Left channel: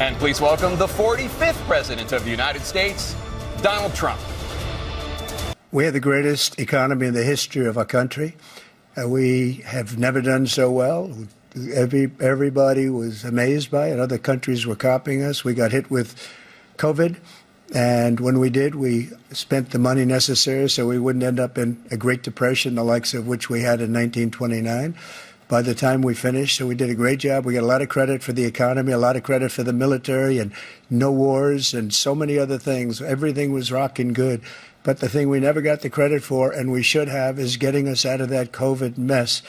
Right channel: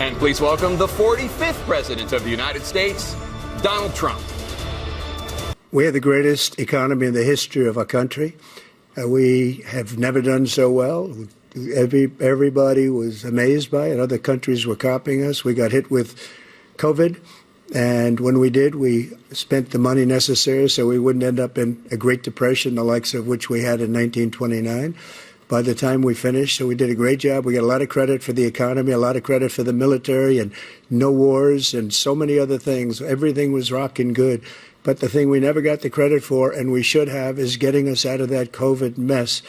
And please welcome the 45th President of the United States, Donald Trump. We have the greatest economy in the history of our country. We have never done so well. Everybody was amazed by it. Other countries were copying us. We got hit with COVID. And when we did, we spent the money necessary so we wouldn't end up in a Great Depression, the likes of which we had in 1929. By the time we finished, so we did a great job. We got a lot of credit for the economy, a lot of credit for the military, and no wars and so many other things. Everything was rocking good. But the thing we never got the credit for, and we should have, is getting us out of that COVID mess.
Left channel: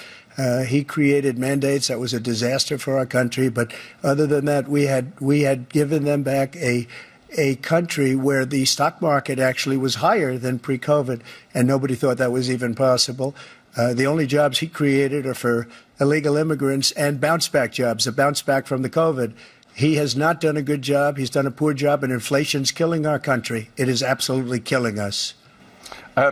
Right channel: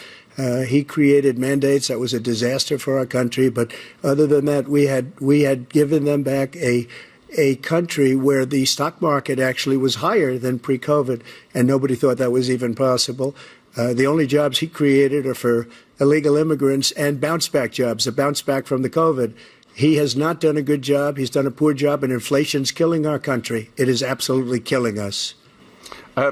He created mandates that was a disaster for our country. But other than that, we had given them back a country where the stock market actually was higher than pre-COVID, and nobody thought that was even possible. The only jobs he created are for illegal immigrants and bounce-back jobs, a bounce-back from the COVID. He has not done a good job. He's done a poor job, and inflation's killing our country. It is absolutely killing us.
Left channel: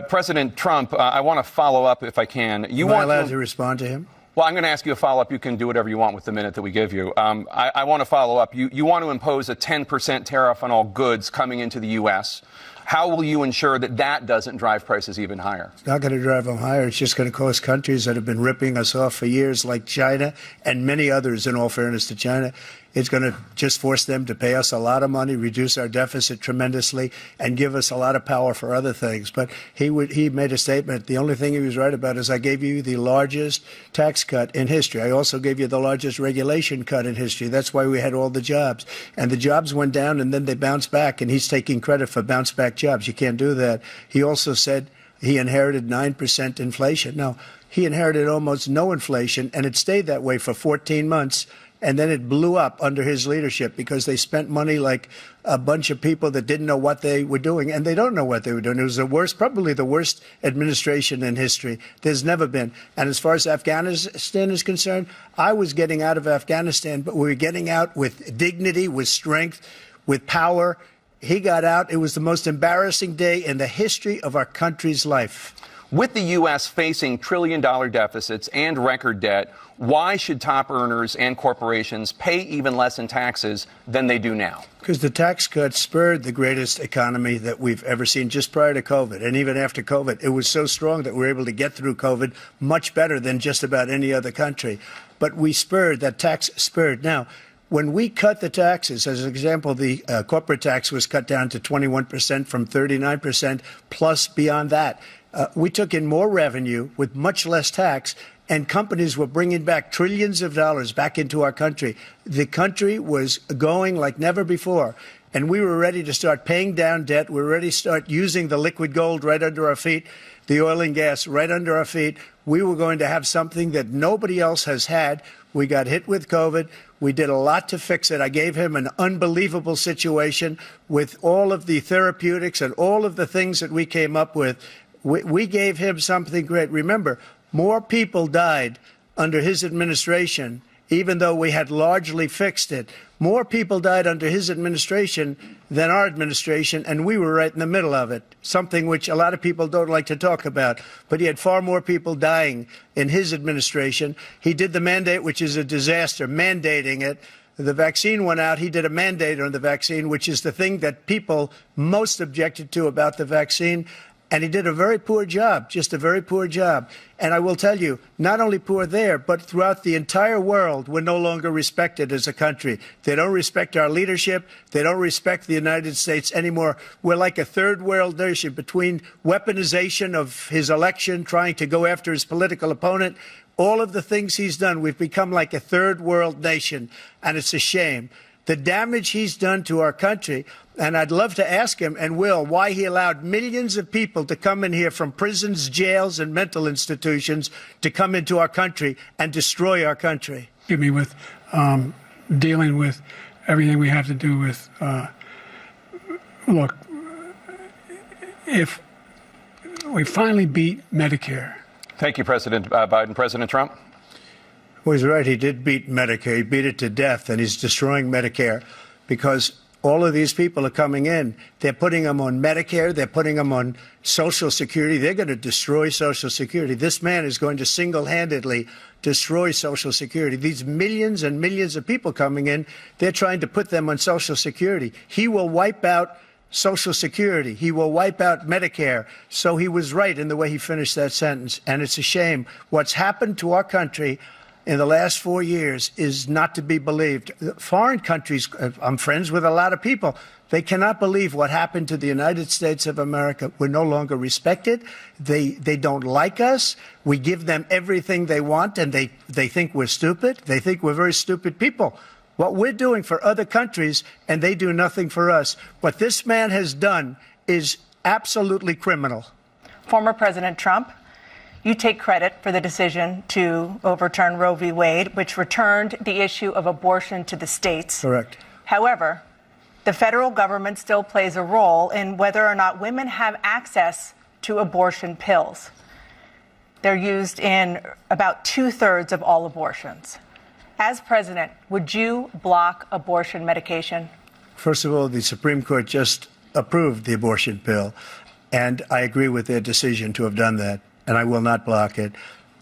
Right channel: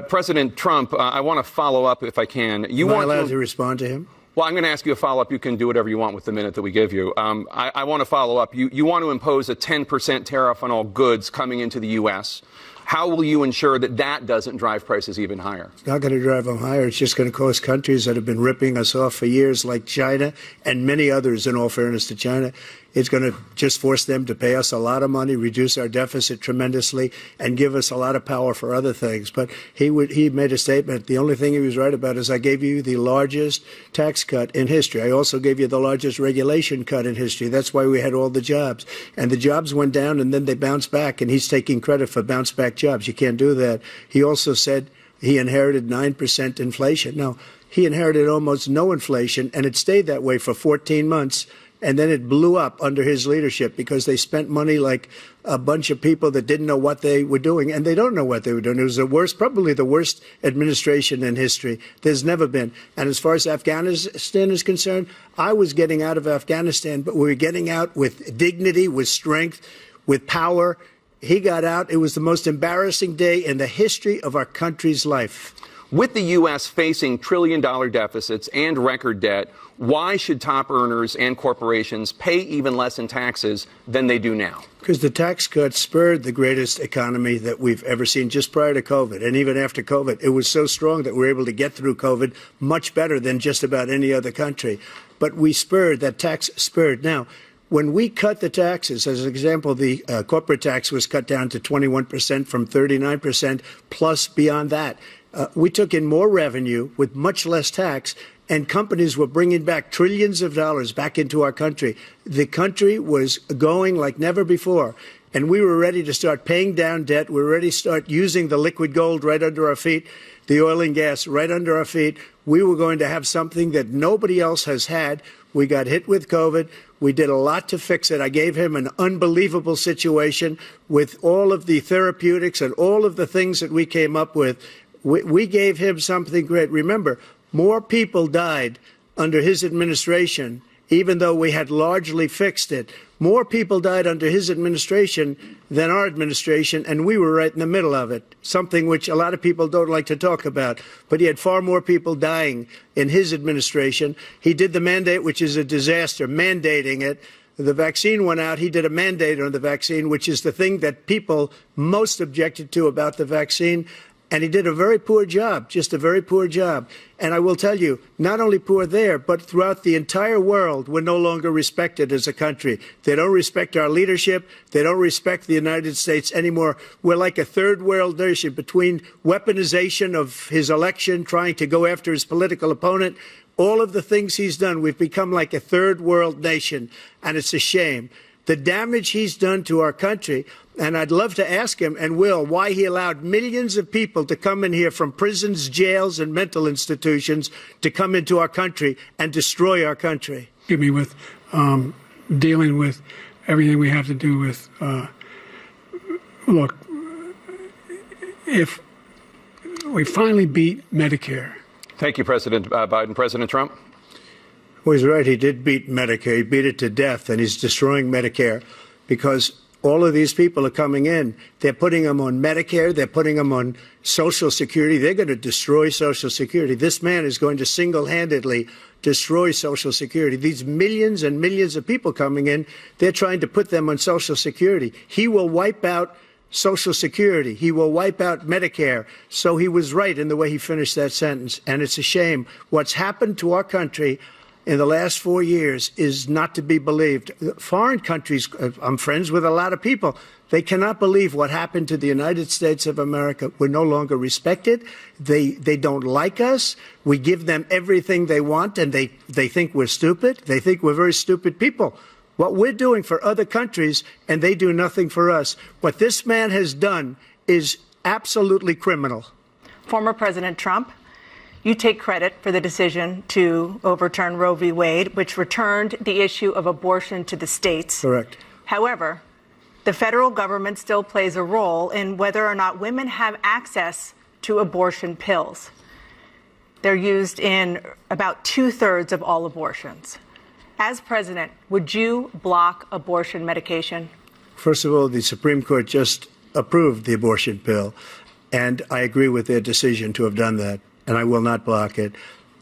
President Trump, I want to follow up if I can. Am I allowed to respond to him? Well, I'm going to ask you a follow-up. You can do whatever you want with the minute that we give you. I want to follow up. You want to impose a 10% tariff on all goods coming into the U.S. How will you ensure that that doesn't drive prices even higher? It's not going to drive them higher. It's just going to cause countries that have been ripping us off for years, like China and many others, in all fairness to China. It's going to just force them to pay us a lot of money, reduce our deficit tremendously, and give us a lot of power for other things. But he made a statement. The only thing he was right about is I gave you the largest tax cut in history. I also gave you the largest regulation cut in history. That's why we had all the jobs. And the jobs went down, and then they bounced back, and he's taking credit for bounce-back jobs. You can't do that. He also said he inherited 9% inflation. No, he inherited almost no inflation, and it stayed that way for 14 months. And then it blew up under his leadership because they spent money like a bunch of people that didn't know what they were doing. And they don't know what they were doing. It was the worst, probably the worst administration in history. There's never been. And as far as Afghanistan is concerned, I was getting out of Afghanistan, but we were getting out with dignity, with strength, with power. He got out. It was the most embarrassing day in the history of our country's life. With the U.S. facing trillion-dollar deficits and record debt, why should top earners and corporations pay even less in taxes than they do now? Because the tax cuts spurred the greatest economy that we've ever seen just prior to COVID. And even after COVID, it was so strong that we were able to get through COVID much better than just about any other country. But we spurred, that tax spurred. Now, when we cut the taxes, as an example, the corporate tax was cut down to 21% from 39%, plus beyond that. We took in more revenue with much less tax, and companies were bringing back trillions of dollars back into our country. The country was going like never before, and we were ready to start paying down debt. We were ready to start using the liquid gold right under our feet, the oil and gas right under our feet. We were going to have something that nobody else has had. We got hit with COVID. We did a lot to fix it. I gave him an unbelievable situation with all of the therapeutics and all of the things that we came up with. We gave him something great. Remember, more people died under his administration, even though we had largely fixed it. More people died under his administration than our administration, and we were right in the middle of it, something which a lot of people don't like to talk about. But he had far more people dying in his administration. He did the mandate, which is a disaster, mandating it. The vaccine went out. He did a mandate on the vaccine, which is the thing that people most objected to about the vaccine. And he did a very poor job, just a very poor job. And I will tell you, not only poor there, but throughout the entire world, we're no longer respected as a country. They don't respect our leadership. They don't respect the United States anymore. We're like a third world nation between weaponization of his election, trying to go after his political opponent. All of the things he's done, we've become like a third world nation, and it's a shame. The damage he's done to our country, and I'd love to ask him, and will, why he allowed millions of people to come in here from prisons, jails, and mental institutions to come into our country and destroy our country. Give me with dealing with everything we have to do with, look, if we finally beat Medicare. Thank you, President Biden. President Trump? Well, he's right. He did beat Medicare. He beat it to death, and he's destroying Medicare because all of these people are coming in. They're putting them on Medicare. They're putting them on Social Security. They're going to destroy Social Security. This man is going to single-handedly destroy Social Security. These millions and millions of people coming in, they're trying to put them on Social Security. He will wipe out Social Security. He will wipe out Medicare. So he was right in the way he finished that sentence. And it's a shame. What's happened to our country in the last 4 years is not to be believed. Foreign countries, I'm friends with a lot of people, they cannot believe what happened to the United States of America. We're no longer respected. They don't like us. We give them everything they want, and they think we're stupid. They think we're very stupid people. What we're doing for other countries, and they do nothing for us. What this man has done is absolutely criminal. Former President Trump, you take credit for the decision to overturn Roe v. Wade, which returned the issue of abortion to the states. Correct. However, the federal government still plays a role in whether or not women have access to abortion pills. They're used in about 2/3 of all abortions. As president, would you block abortion medication? First of all, the Supreme Court just approved the abortion pill, and I agree with their decision to have done that, and I will not block it.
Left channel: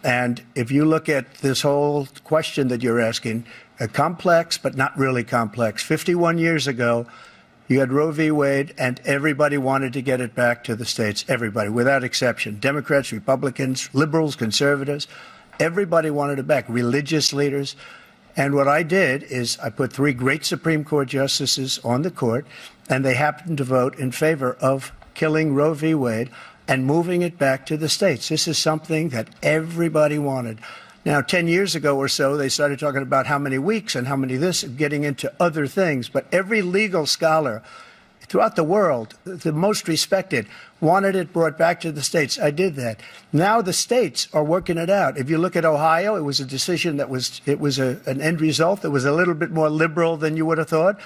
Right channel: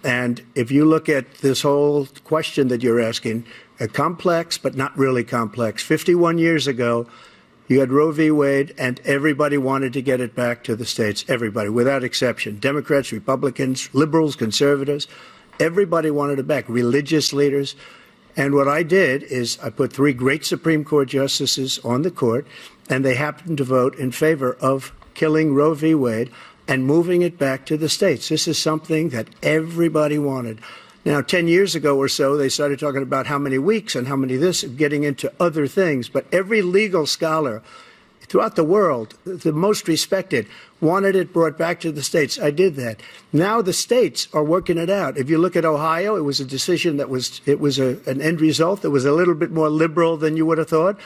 And if you look at this whole question that you're asking, complex but not really complex. 51 years ago, you had Roe v. Wade, and everybody wanted to get it back to the states. Everybody, without exception. Democrats, Republicans, liberals, conservatives. Everybody wanted it back. Religious leaders. And what I did is I put 3 great Supreme Court justices on the court, and they happened to vote in favor of killing Roe v. Wade and moving it back to the states. This is something that everybody wanted. Now, 10 years ago or so, they started talking about how many weeks and how many this, getting into other things. But every legal scholar throughout the world, the most respected, wanted it brought back to the states. I did that. Now the states are working it out. If you look at Ohio, it was a decision that was an end result that was a little bit more liberal than you would have thought.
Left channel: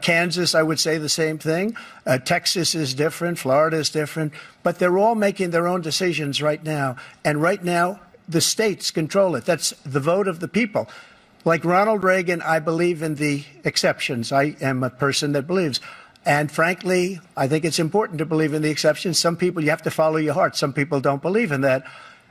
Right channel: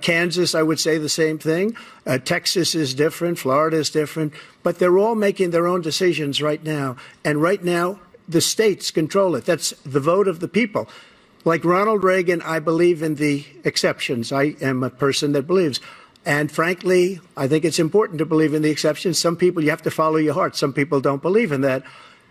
Kansas, I would say the same thing. Texas is different. Florida is different. But they're all making their own decisions right now. And right now, the states control it. That's the vote of the people. Like Ronald Reagan, I believe in the exceptions. I am a person that believes. And frankly, I think it's important to believe in the exceptions. Some people, you have to follow your heart. Some people don't believe in that.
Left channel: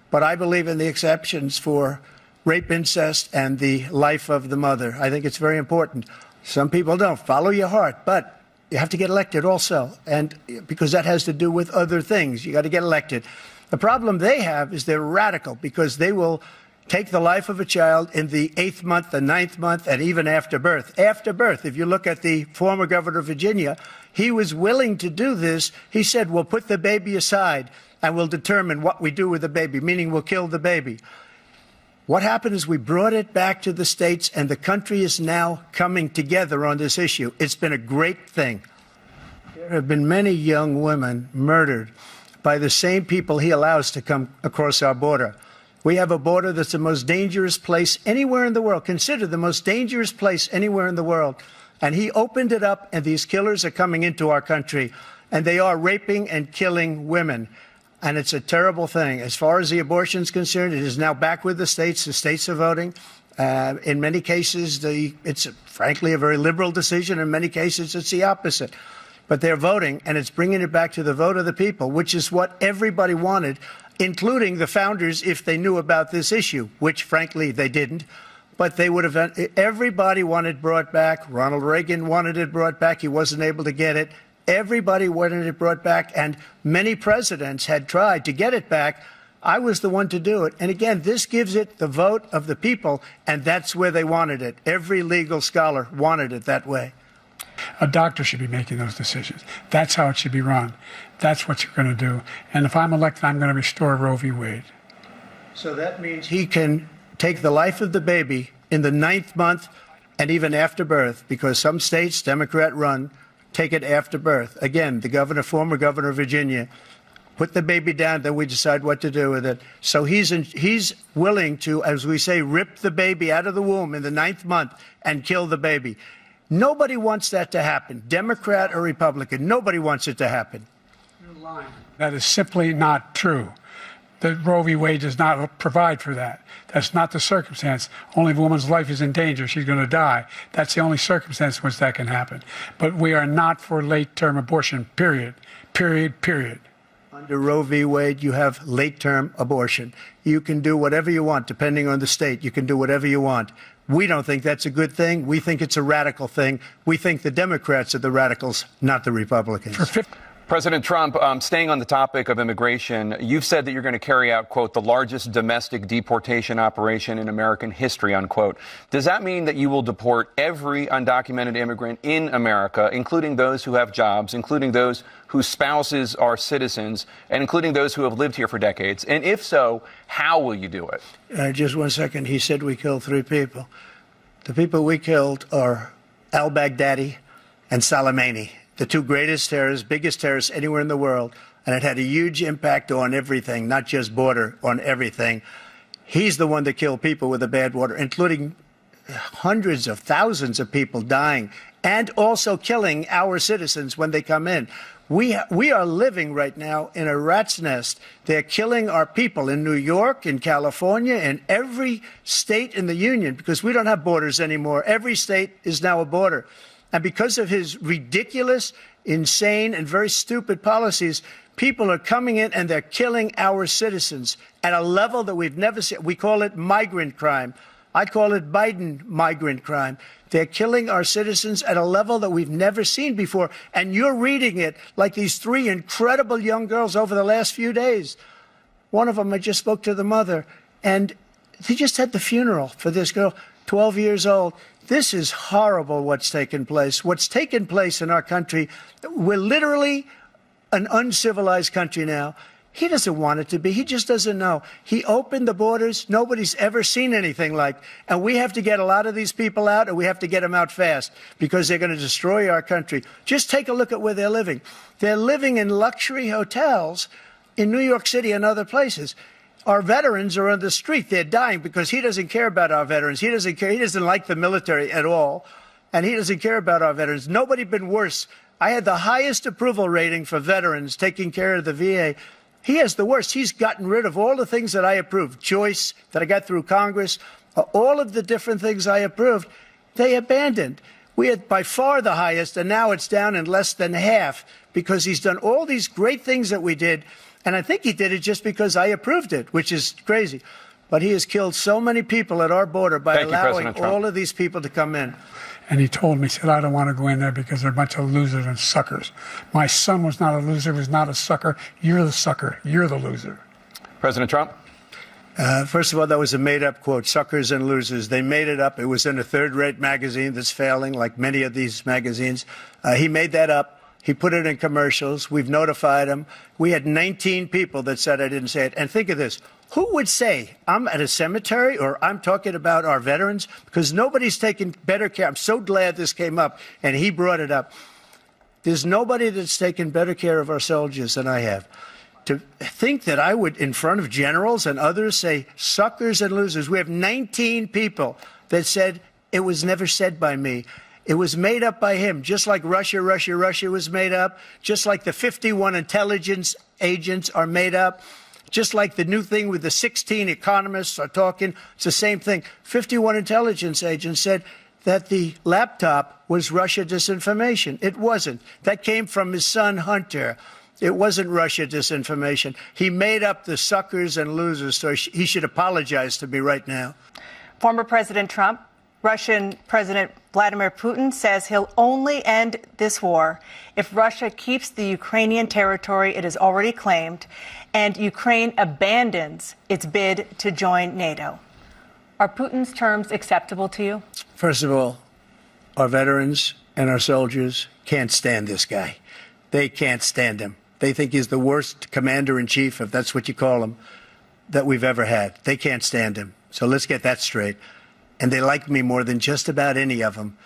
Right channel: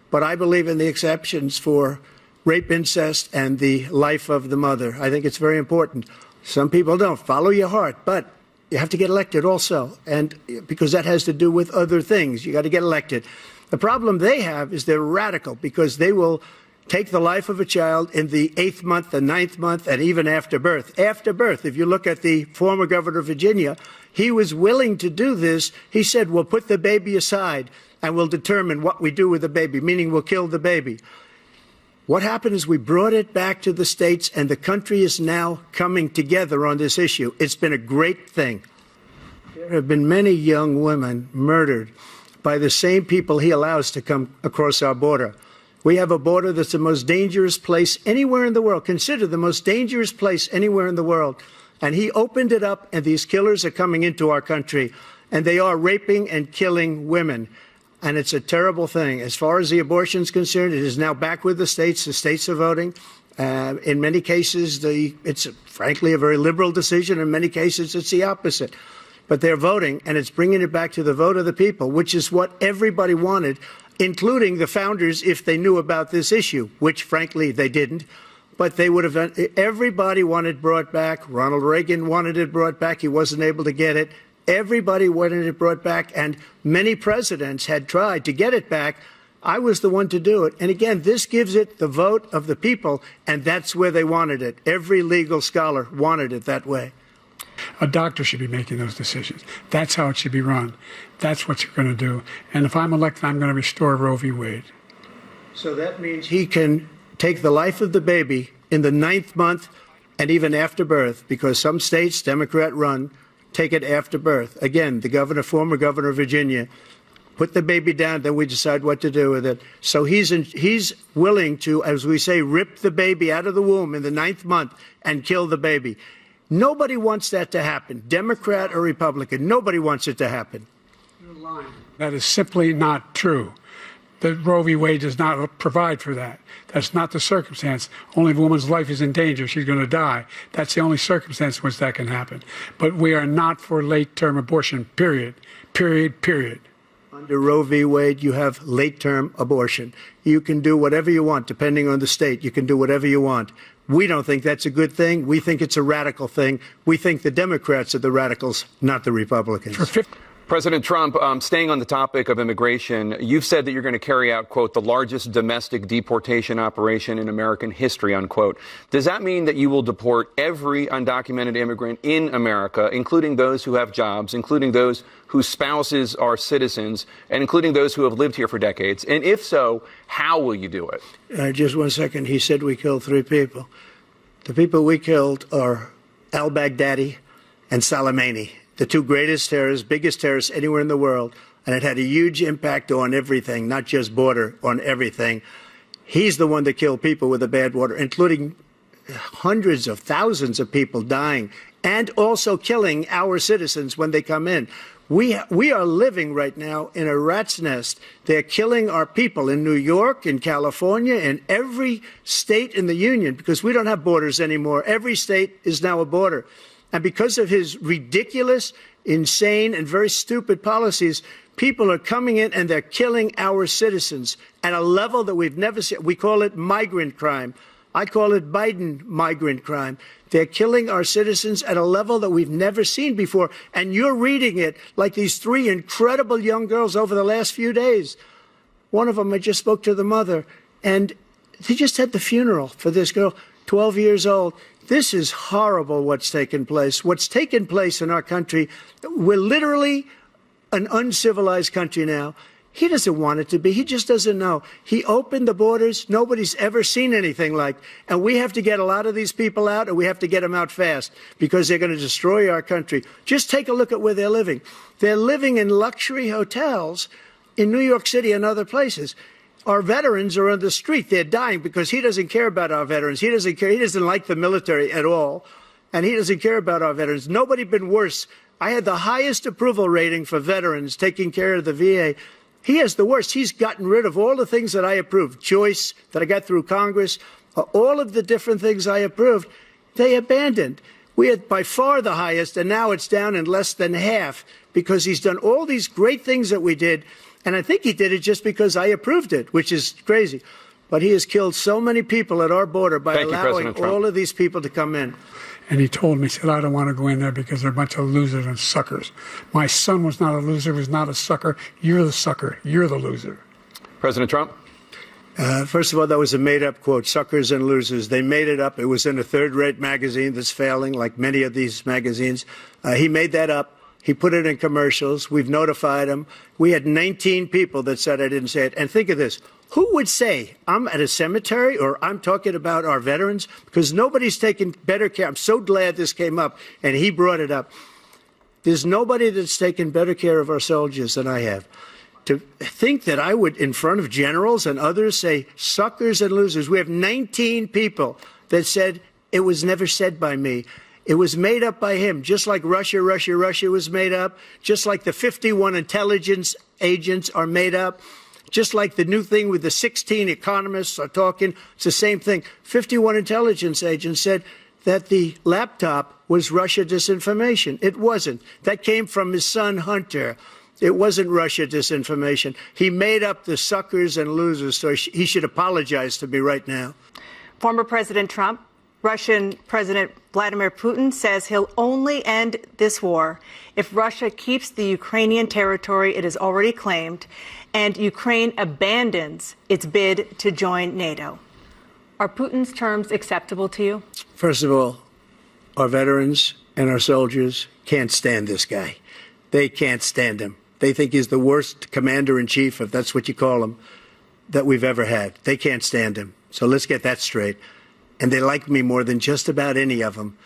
But I believe in the exceptions for rape, incest, and the life of the mother. I think it's very important. Some people don't. Follow your heart. But you have to get elected also. And because that has to do with other things. You got to get elected. The problem they have is they're radical because they will take the life of a child in the 8th month, the 9th month, and even after birth. After birth, if you look at the former governor of Virginia, he was willing to do this. He said, we'll put the baby aside and we'll determine what we do with the baby, meaning we'll kill the baby. What happened is we brought it back to the states, and the country is now coming together on this issue. It's been a great thing. There have been many young women murdered by the same people he allows to come across our border. We have a border that's the most dangerous place anywhere in the world, considered the most dangerous place anywhere in the world. And he opened it up, and these killers are coming into our country, and they are raping and killing women. And it's a terrible thing. As far as the abortion is concerned, it is now back with the states. The states are voting. In many cases, it's frankly a very liberal decision. In many cases, it's the opposite. But they're voting, and it's bringing it back to the vote of the people, which is what everybody wanted, including the founders, if they knew about this issue, which, frankly, they didn't. But they would have. Everybody wanted brought back. Ronald Reagan wanted it brought back. He wasn't able to get it. Everybody wanted it brought back, and many presidents had tried to get it back. I was the one to do it. And again, this gives it the vote of the people, and that's where they wanted it. Every legal scholar wanted it that way. A doctor should be making those decisions. That's how it should be run. That's what you're going to do. And if I'm elected, I'm going to restore Roe v. Wade. So that means he can take the life of the baby in the 9th month and even after birth, because some states, Democrat run, take it after birth. Again, the former governor of Virginia, put the baby down, then we decide what to do with it. So he's willing to, as we say, rip the baby out of the womb in the 9th month and kill the baby. Nobody wants that to happen, Democrat or Republican. Nobody wants it to happen. You're lying. That is simply not true. The Roe v. Wade does not provide for that. That's not the circumstance. Only if a woman's life is in danger, she's going to die. That's the only circumstance in which that can happen. But we are not for late-term abortion, period. Period, period. Under Roe v. Wade, you have late-term abortion. You can do whatever you want, depending on the state. You can do whatever you want. We don't think that's a good thing. We think it's a radical thing. We think the Democrats are the radicals, not the Republicans. President Trump, staying on the topic of immigration, you've said that you're going to carry out, quote, the largest domestic deportation operation in American history, unquote. Does that mean that you will deport every undocumented immigrant in America, including those who have jobs, including those whose spouses are citizens, and including those who have lived here for decades? And if so, how will you do it? Just 1 second. He said we killed 3 people. The people we killed are al-Baghdadi and Soleimani, the 2 greatest terrorists, biggest terrorists anywhere in the world. And it had a huge impact on everything, not just border, on everything. He's the one that killed people with the bad water, including hundreds of thousands of people dying and also killing our citizens when they come in. We are living right now in a rat's nest. They're killing our people in New York, in California, in every state in the union, because we don't have borders anymore. Every state is now a border. And because of his ridiculous, insane, and very stupid policies, people are coming in and they're killing our citizens at a level that we've never seen. We call it migrant crime. I call it Biden migrant crime. They're killing our citizens at a level that we've never seen before. And you're reading it like these 3 incredible young girls over the last few days. One of them, I just spoke to the mother, and he just had the funeral for this girl, 12 years old. This is horrible what's taken place. What's taken place in our country, we're literally an uncivilized country now. He doesn't want it to be. He just doesn't know. He opened the borders. Nobody's ever seen anything like. And we have to get a lot of these people out, and we have to get them out fast because they're going to destroy our country. Just take a look at where they're living. They're living in luxury hotels in New York City and other places. Our veterans are on the street. They're dying because he doesn't care about our veterans. He doesn't care. He doesn't like the military at all, and he doesn't care about our veterans. Nobody been worse. I had the highest approval rating for veterans taking care of the VA. He has the worst. He's gotten rid of all the things that I approved, choice that I got through Congress, all of the different things I approved, they abandoned. We had by far the highest, and now it's down in less than half because he's done all these great things that we did. And I think he did it just because I approved it, which is crazy. But he has killed so many people at our border by allowing all of these people to come in. And he told me, he said, I don't want to go in there because they're a bunch of losers and suckers. My son was not a loser, was not a sucker. You're the sucker. You're the loser. President Trump? First of all, that was a made-up quote, suckers and losers. They made it up. It was in a third-rate magazine that's failing, like many of these magazines. He made that up. He put it in commercials. We've notified him. We had 19 people that said I didn't say it. And think of this. Who would say I'm at a cemetery or I'm talking about our veterans? Because nobody's taken better care. I'm so glad this came up and he brought it up. There's nobody that's taken better care of our soldiers than I have. To think that I would, in front of generals and others, say suckers and losers. We have 19 people that said it was never said by me. It was made up by him, just like Russia was made up, just like the 51 intelligence agents are made up, just like the new thing with the 16 economists are talking. It's the same thing. 51 intelligence agents said that the laptop was Russia disinformation. It wasn't. That came from his son, Hunter. It wasn't Russia disinformation. He made up the suckers and losers, so he should apologize to me right now. Former President Trump, Russian President Vladimir Putin says he'll only end this war if Russia keeps the Ukrainian territory it has already claimed and Ukraine abandons its bid to join NATO. Are Putin's terms acceptable to you? First of all, our veterans and our soldiers can't stand this guy. They can't stand him. They think he's the worst commander-in-chief, if that's what you call him, that we've ever had. They can't stand him. So let's get that straight. And they like me more than just about any of them.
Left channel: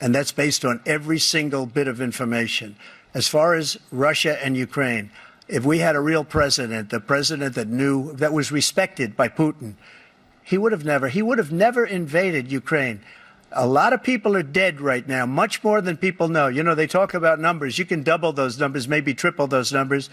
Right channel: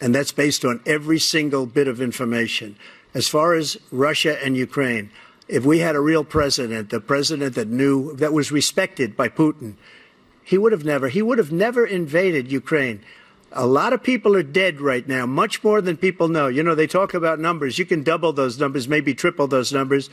And that's based on every single bit of information. As far as Russia and Ukraine, if we had a real president, a president that knew, that was respected by Putin, he would have never invaded Ukraine. A lot of people are dead right now, much more than people know. You know, they talk about numbers. You can double those numbers, maybe triple those numbers.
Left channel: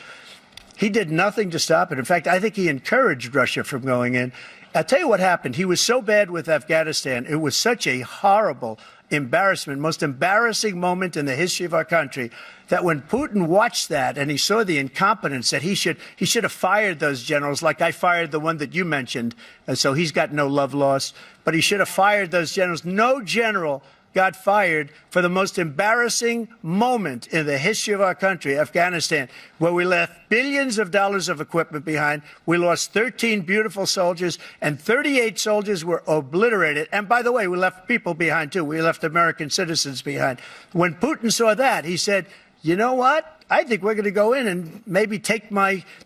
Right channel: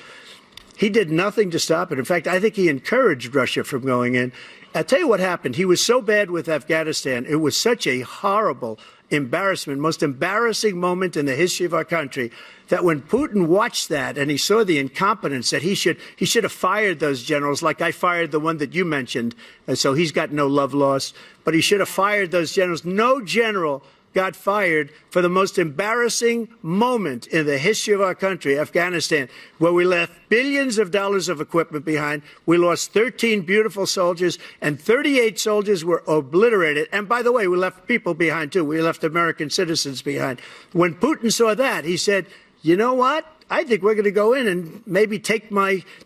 He did nothing to stop it. In fact, I think he encouraged Russia from going in. I'll tell you what happened. He was so bad with Afghanistan. It was such a horrible embarrassment, most embarrassing moment in the history of our country, that when Putin watched that and he saw the incompetence, that he should have fired those generals, like I fired the one that you mentioned, and so he's got no love lost, but he should have fired those generals. No general got fired for the most embarrassing moment in the history of our country, Afghanistan, where we left billions of dollars of equipment behind. We lost 13 beautiful soldiers, and 38 soldiers were obliterated. And by the way, we left people behind, too. We left American citizens behind. When Putin saw that, he said, you know what? I think we're going to go in and maybe take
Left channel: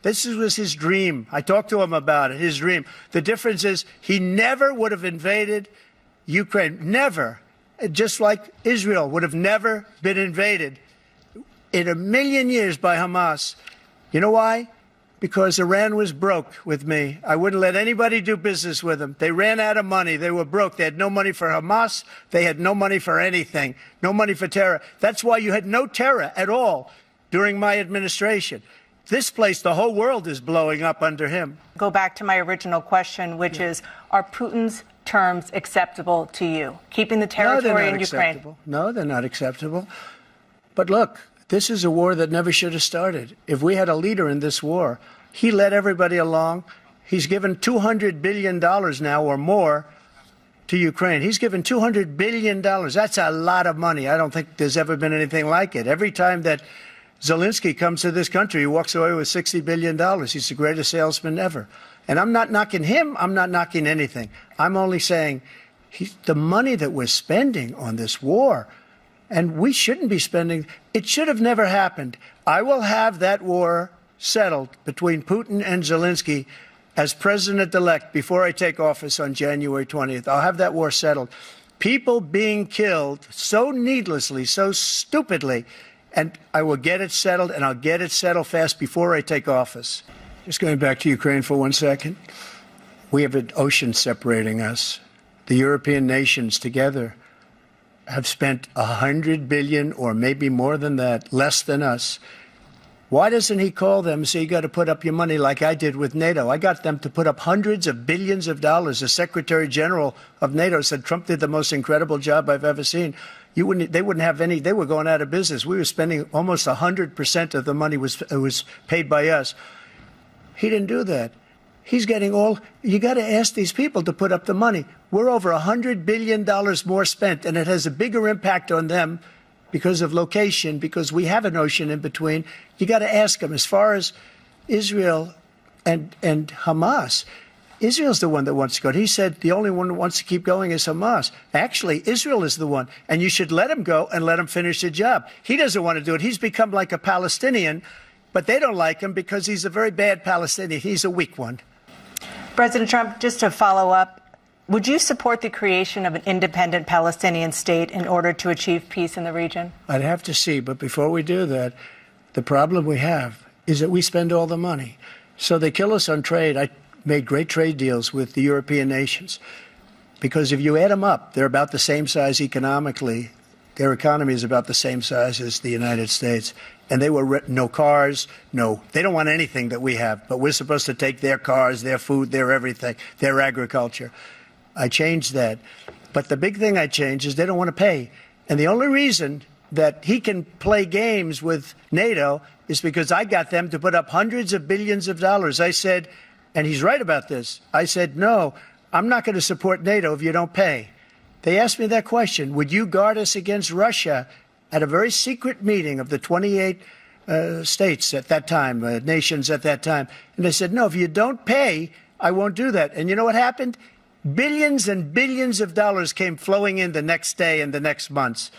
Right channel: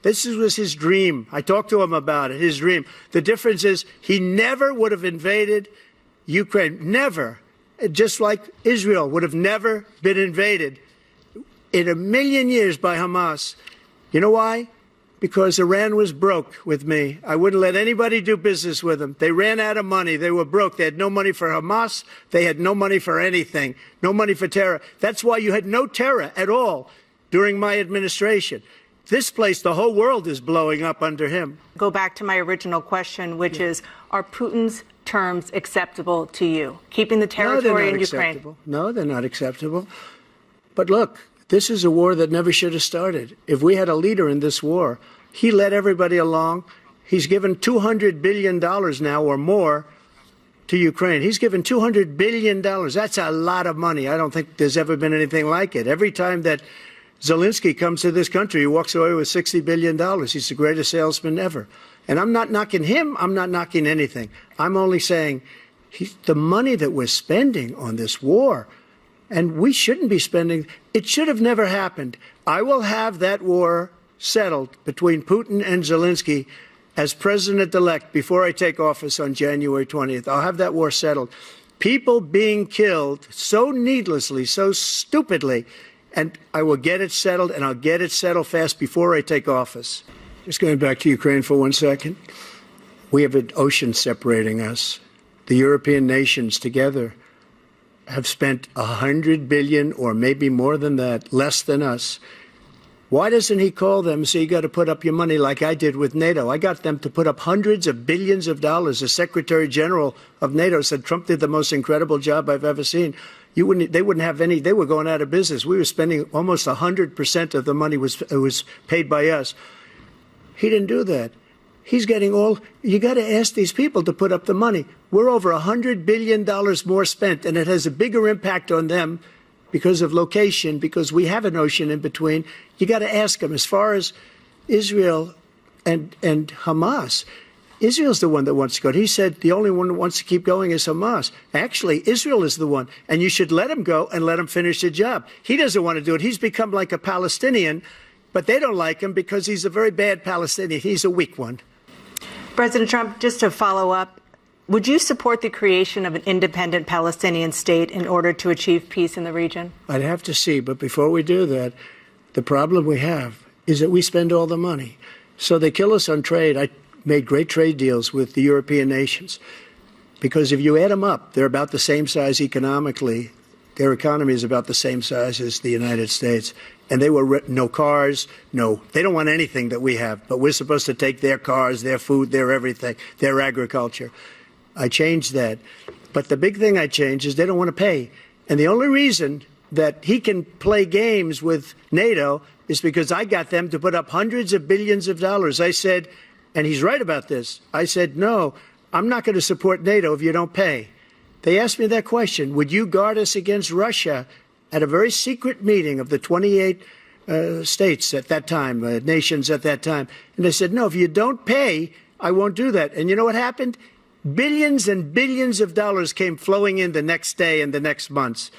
this was his dream. I talked to him about it, his dream. The difference is he never would have invaded Ukraine. Never. Just like Israel would have never been invaded in a million years by Hamas. You know why? Because Iran was broke with me. I wouldn't let anybody do business with them. They ran out of money. They were broke. They had no money for Hamas. They had no money for anything. No money for terror. That's why you had no terror at all during my administration. This place, the whole world is blowing up under him. Go back to my original question, which is, are Putin's terms acceptable to you? Keeping the territory in Ukraine? No, they're not acceptable. But look, this is a war that never should have started. If we had a leader in this war, he led everybody along. He's given $200 billion now or more to Ukraine. He's given $200 billion. That's a lot of money. I don't think there's ever been anything like it. Every time that Zelensky comes to this country, he walks away with $60 billion. He's the greatest salesman ever. And I'm not knocking him. I'm not knocking anything. I'm only saying the money that we're spending on this war, and we shouldn't be spending, it should have never happened. I will have that war settled between Putin and Zelensky as president-elect before I take office on January 20th. I'll have that war settled. People being killed so needlessly, so stupidly, and I will get it settled, and I'll get it settled fast before I take office. Just going back to Ukraine for 1 second. We have an ocean separating us. The European nations together have spent $100 billion or maybe more than that, less than us. Why doesn't he call them and say, you got to put up your money like I did with NATO? I got them to put up hundreds of billions of dollars. The Secretary General of NATO said Trump did the most incredible job I've ever seen. They wouldn't have any. They were going out of business. We were spending almost 100% of the money was paid by us. He didn't do that. He's getting all. You got to ask these people to put up the money. We're over $100 billion more spent, and it has a bigger impact on them because of location, because we have an ocean in between. You got to ask them. As far as Israel and Hamas, Israel's the one that wants to go. He said the only one that wants to keep going is Hamas. Actually, Israel is the one, and you should let him go and let him finish the job. He doesn't want to do it. He's become like a Palestinian, but they don't like him because he's a very bad Palestinian. He's a weak one. President Trump, just to follow up, would you support the creation of an independent Palestinian state in order to achieve peace in the region? I'd have to see, but before we do that, the problem we have is that we spend all the money. So they kill us on trade. I made great trade deals with the European nations because if you add them up, they're about the same size economically. Their economy is about the same size as the United States. And they were no cars, they don't want anything that we have. But we're supposed to take their cars, their food, their everything, their agriculture. I changed that. But the big thing I changed is they don't want to pay. And the only reason that he can play games with NATO is because I got them to put up hundreds of billions of dollars. I said, and he's right about this, I said, no, I'm not going to support NATO if you don't pay. They asked me that question, would you guard us against Russia? At a very secret meeting of the 28 states at that time, nations at that time. And they said, no, if you don't pay, I won't do that. And you know what happened? Billions and billions of dollars came flowing in the next day and the next months.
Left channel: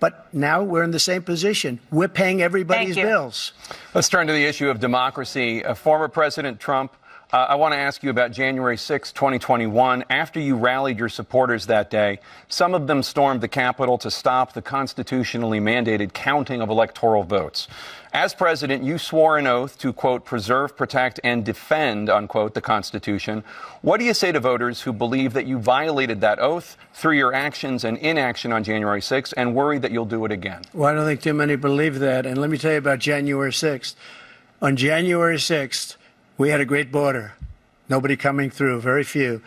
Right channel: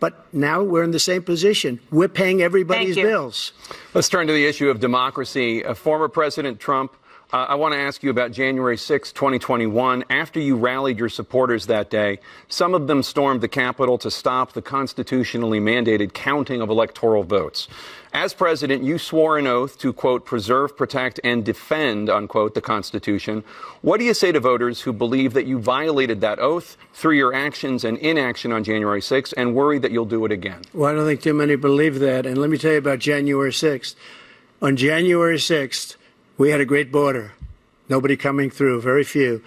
But now we're in the same position. We're paying everybody's bills. Let's turn to the issue of democracy. Former President Trump, I want to ask you about January 6, 2021. After you rallied your supporters that day, some of them stormed the Capitol to stop the constitutionally mandated counting of electoral votes. As president, you swore an oath to, quote, preserve, protect, and defend, unquote, the Constitution. What do you say to voters who believe that you violated that oath through your actions and inaction on January 6th and worry that you'll do it again? Well, I don't think too many believe that. And let me tell you about January 6th. On January 6th, we had a great border. Nobody coming through, very few.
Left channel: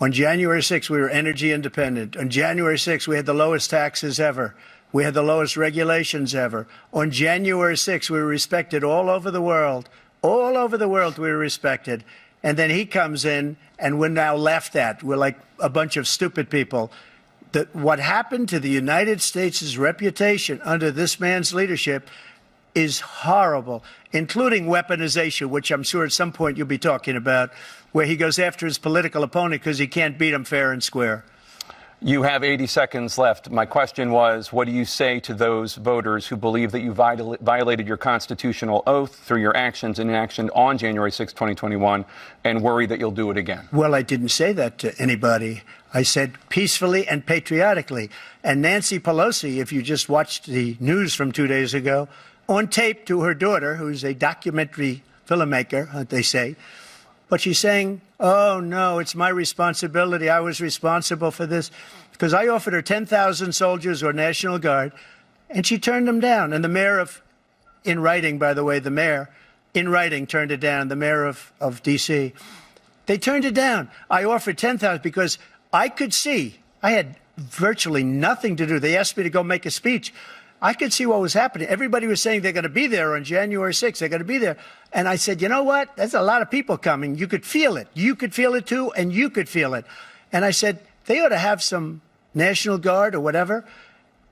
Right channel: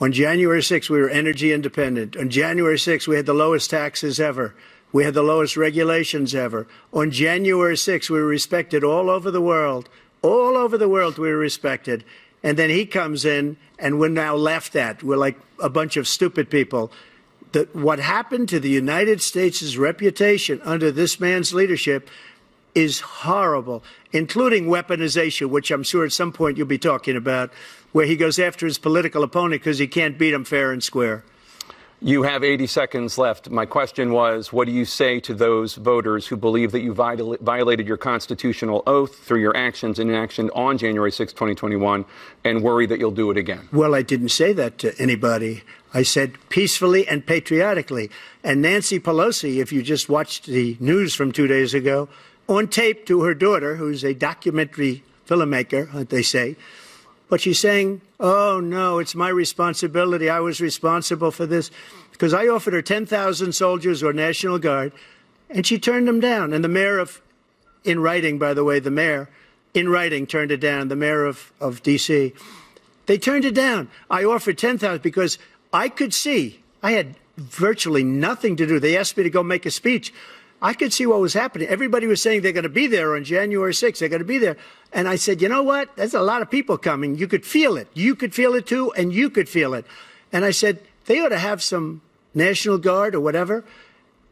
On January 6th, we were energy independent. On January 6th, we had the lowest taxes ever. We had the lowest regulations ever. On January 6th, we were respected all over the world. All over the world, we were respected. And then he comes in, and we're now laughed at. We're like a bunch of stupid people. What happened to the United States' reputation under this man's leadership is horrible, including weaponization, which I'm sure at some point you'll be talking about, where he goes after his political opponent because he can't beat him fair and square. You have 80 seconds left. My question was, what do you say to those voters who believe that you violated your constitutional oath through your actions and inaction on January 6, 2021, and worry that you'll do it again? Well, I didn't say that to anybody. I said peacefully and patriotically. And Nancy Pelosi, if you just watched the news from 2 days ago, on tape to her daughter, who's a documentary filmmaker, they say, but she's saying, oh, no, it's my responsibility. I was responsible for this. Because I offered her 10,000 soldiers or National Guard, and she turned them down. And the mayor of, in writing, by the way, the mayor, in writing, turned it down, the mayor of D.C. They turned it down. I offered 10,000 because I could see, I had virtually nothing to do. They asked me to go make a speech. I could see what was happening. Everybody was saying they're going to be there on January 6th. They're going to be there. And I said, you know what? There's a lot of people coming. You could feel it. You could feel it, too, and you could feel it. And I said, they ought to have some National Guard or whatever.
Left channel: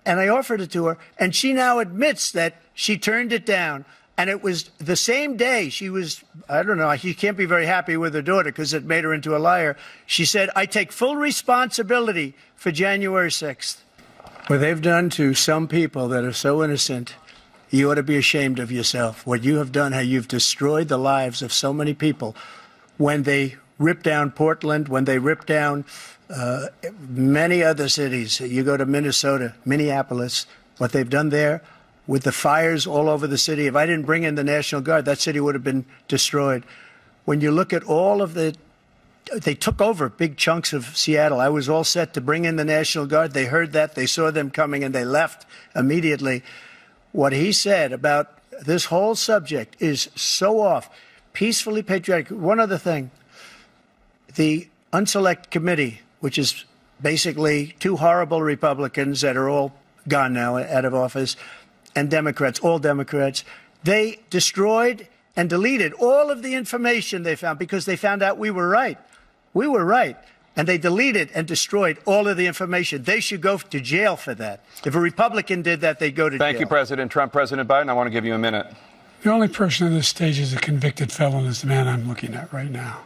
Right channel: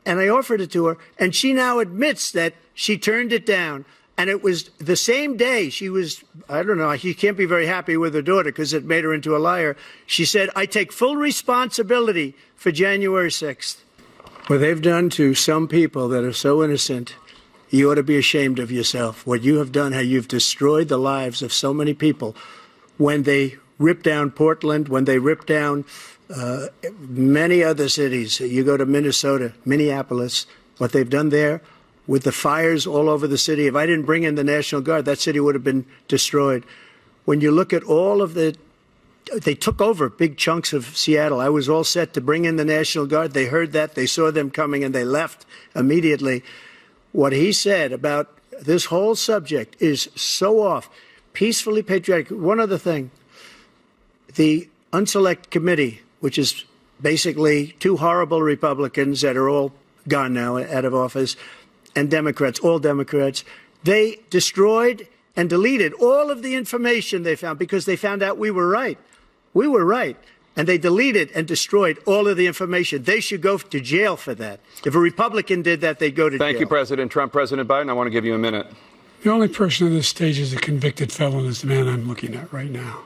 And I offered it to her. And she now admits that she turned it down. And it was the same day she was, I don't know, she can't be very happy with her daughter because it made her into a liar. She said, I take full responsibility for January 6th. What they've done to some people that are so innocent, you ought to be ashamed of yourself. What you have done, how you've destroyed the lives of so many people. When they ripped down Portland, when they ripped down many other cities, you go to Minnesota, Minneapolis, what they've done there with the fires all over the city. If I didn't bring in the National Guard, that city would have been destroyed. When you look at all of they took over big chunks of Seattle. I was all set to bring in the National Guard. They heard that. They saw them coming, and they left immediately. What he said about this whole subject is so off. Peacefully patriotic. One other thing. The Unselect Committee, which is basically two horrible Republicans that are all gone now, out of office, and Democrats, all Democrats, they destroyed and deleted all of the information they found because they found out we were right. We were right. And they deleted and destroyed all of the information. They should go to jail for that. If a Republican did that, they'd go to jail. Thank you, President Trump. President Biden, I want to give you a minute. The only person on this stage is a convicted felon is the man I'm looking at right now.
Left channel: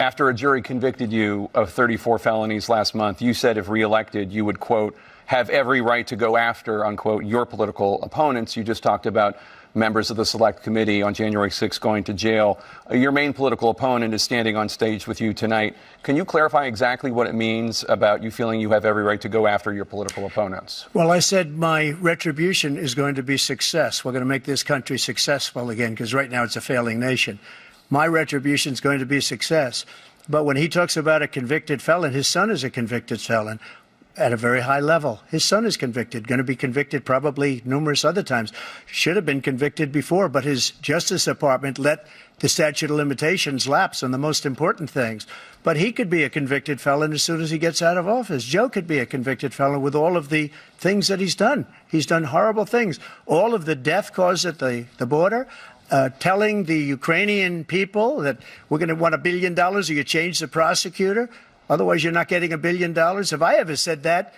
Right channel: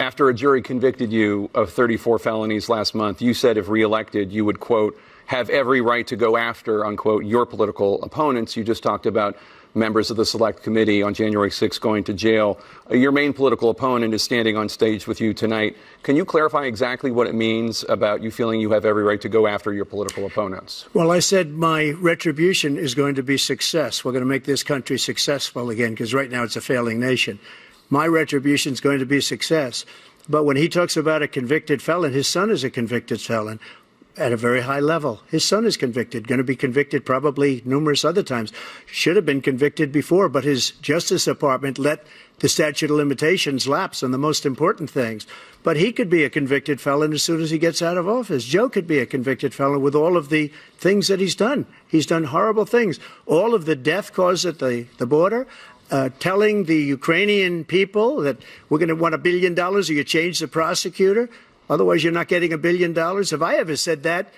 After a jury convicted you of 34 felonies last month, you said if reelected, you would, quote, have every right to go after, unquote, your political opponents. You just talked about members of the Select Committee on January 6th going to jail. Your main political opponent is standing on stage with you tonight. Can you clarify exactly what it means about you feeling you have every right to go after your political opponents? Well, I said my retribution is going to be success. We're going to make this country successful again, because right now it's a failing nation. My retribution is going to be success. But when he talks about a convicted felon, his son is a convicted felon at a very high level. His son is convicted, going to be convicted probably numerous other times. Should have been convicted before, but his Justice Department let the statute of limitations lapse on the most important things. But he could be a convicted felon as soon as he gets out of office. Joe could be a convicted felon with all of the things that he's done. He's done horrible things. All of the death caused at the border, telling the Ukrainian people that we're going to want $1 billion or you change the prosecutor. Otherwise, you're not getting $1 billion. If I ever said that,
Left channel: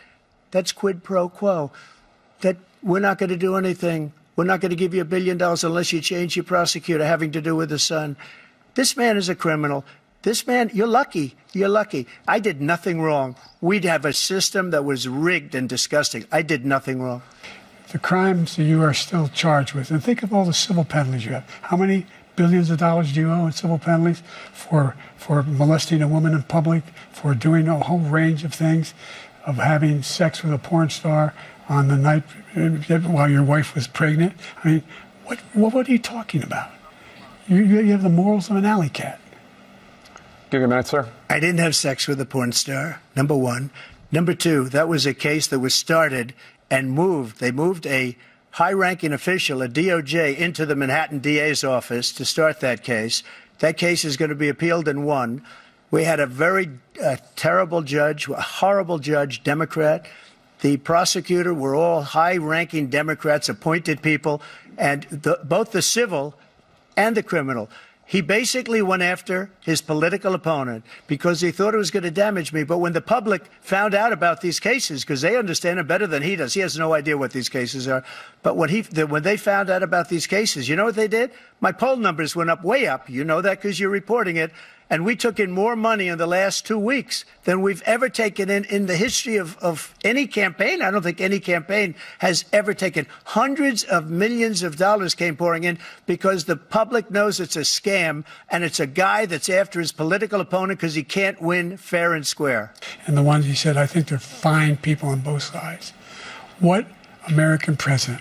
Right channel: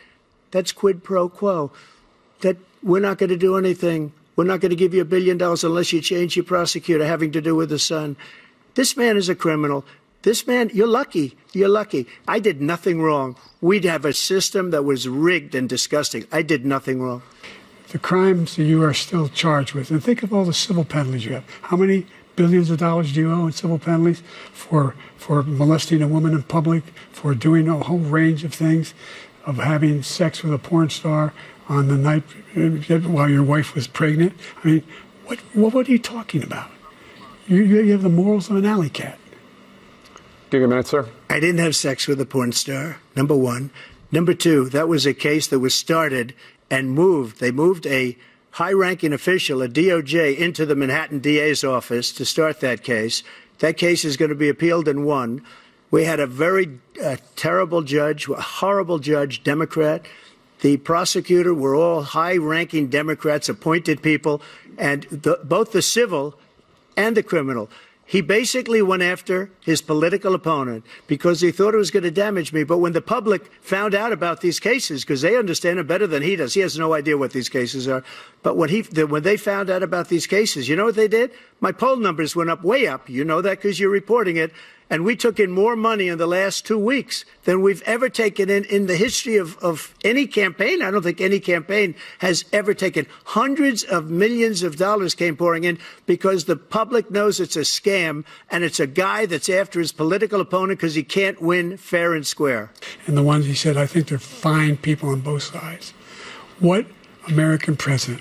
that's quid pro quo. That we're not going to do anything. We're not going to give you $1 billion unless you change your prosecutor having to do with the son. This man is a criminal. This man, you're lucky. You're lucky. I did nothing wrong. We'd have a system that was rigged and disgusting. I did nothing wrong. The crimes that you are still charged with, and think of all the civil penalties you have. How many billions of dollars do you owe in civil penalties for molesting a woman in public, for doing a whole range of things, of having sex with a porn star on the night while your wife was pregnant? I mean, what are you talking about? You have the morals of an alley cat. Give you a minute, sir. I didn't have sex with a porn star, number one. Number two, that was a case that was started and moved. They moved a high-ranking official, a DOJ, into the Manhattan DA's office to start that case. That case is going to be appealed and won. We had a very terrible judge, a horrible judge, Democrat. The prosecutor were all high-ranking Democrats, appointed people, and both the civil and the criminal. He basically went after his political opponent because he thought it was going to damage me. But when the public found out about these cases, because they understand it better than he does, he has no idea what these cases are. But when they found out about these cases, you know what they did? My poll numbers went up, way up. You know that because you're reporting it. And we took in more money in the last 2 weeks than we've ever taken in the history of any campaign. I don't think any campaign has ever taken. Hundreds of millions of dollars came pouring in because the public knows it's a scam, and it's a guy that's after his political opponent because he can't win fair and square. And the ones he said, I think they're fine people on both sides. What American president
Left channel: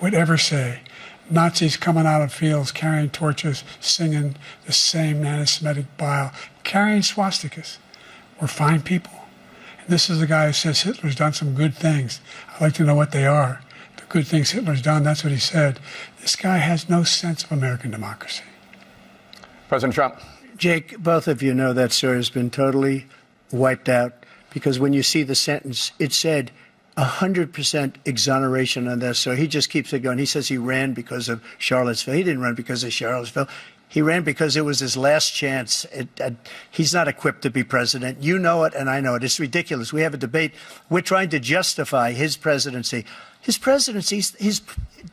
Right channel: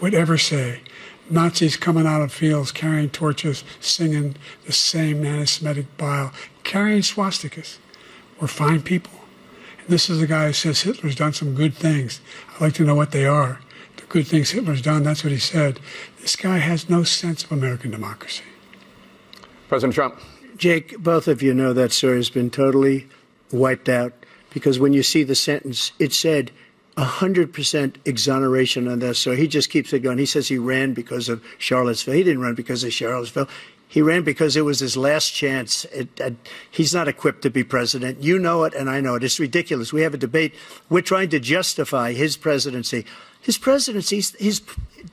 would ever say Nazis coming out of fields, carrying torches, singing the same anti-Semitic bile, carrying swastikas, were fine people? And this is a guy who says Hitler's done some good things. I'd like to know what they are. The good things Hitler's done, that's what he said. This guy has no sense of American democracy. President Trump. Jake, both of you know that story has been totally wiped out because when you see the sentence, it said 100% exoneration on that. So he just keeps it going. He says he ran because of Charlottesville. He didn't run because of Charlottesville. He ran because it was his last chance. He's not equipped to be president. You know it, and I know it. It's ridiculous. We have a debate. We're trying to justify his presidency. His presidency, he's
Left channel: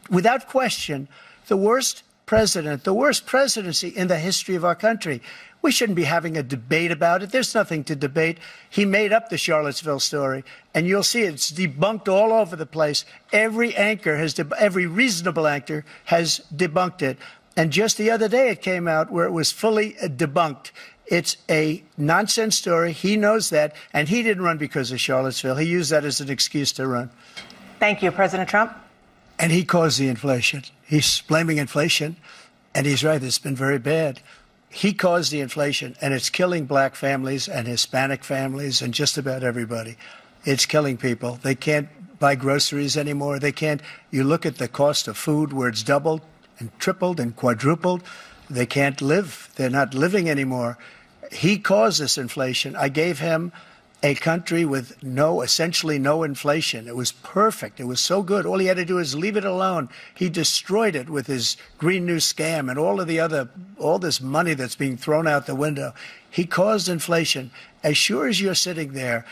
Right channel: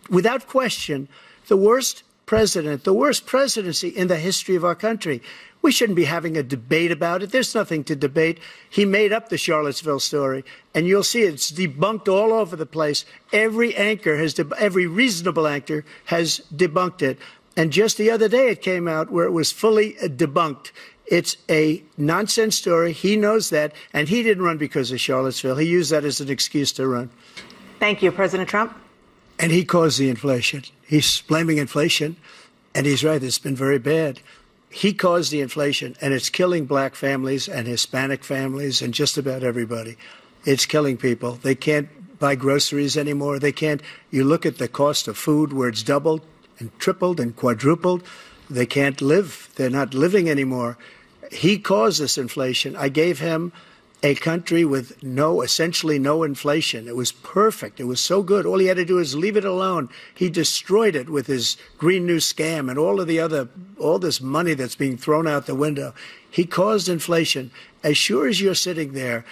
without question the worst president, the worst presidency in the history of our country. We shouldn't be having a debate about it. There's nothing to debate. He made up the Charlottesville story, and you'll see it's debunked all over the place. Every anchor every reasonable anchor has debunked it. And just the other day it came out where it was fully debunked. It's a nonsense story. He knows that, and he didn't run because of Charlottesville. He used that as an excuse to run. Thank you, President Trump. And he caused the inflation. He's blaming inflation, and he's right. It's been very bad. He caused the inflation, and it's killing black families and Hispanic families and just about everybody. It's killing people. They can't buy groceries anymore. They can't. You look at the cost of food where it's doubled and tripled and quadrupled. They can't live. They're not living anymore. He caused this inflation. I gave him a country with essentially no inflation. It was perfect. It was so good. All he had to do is leave it alone. He destroyed it with his Green New scam and all this money that's being thrown out the window. He caused inflation. As sure as you're sitting there,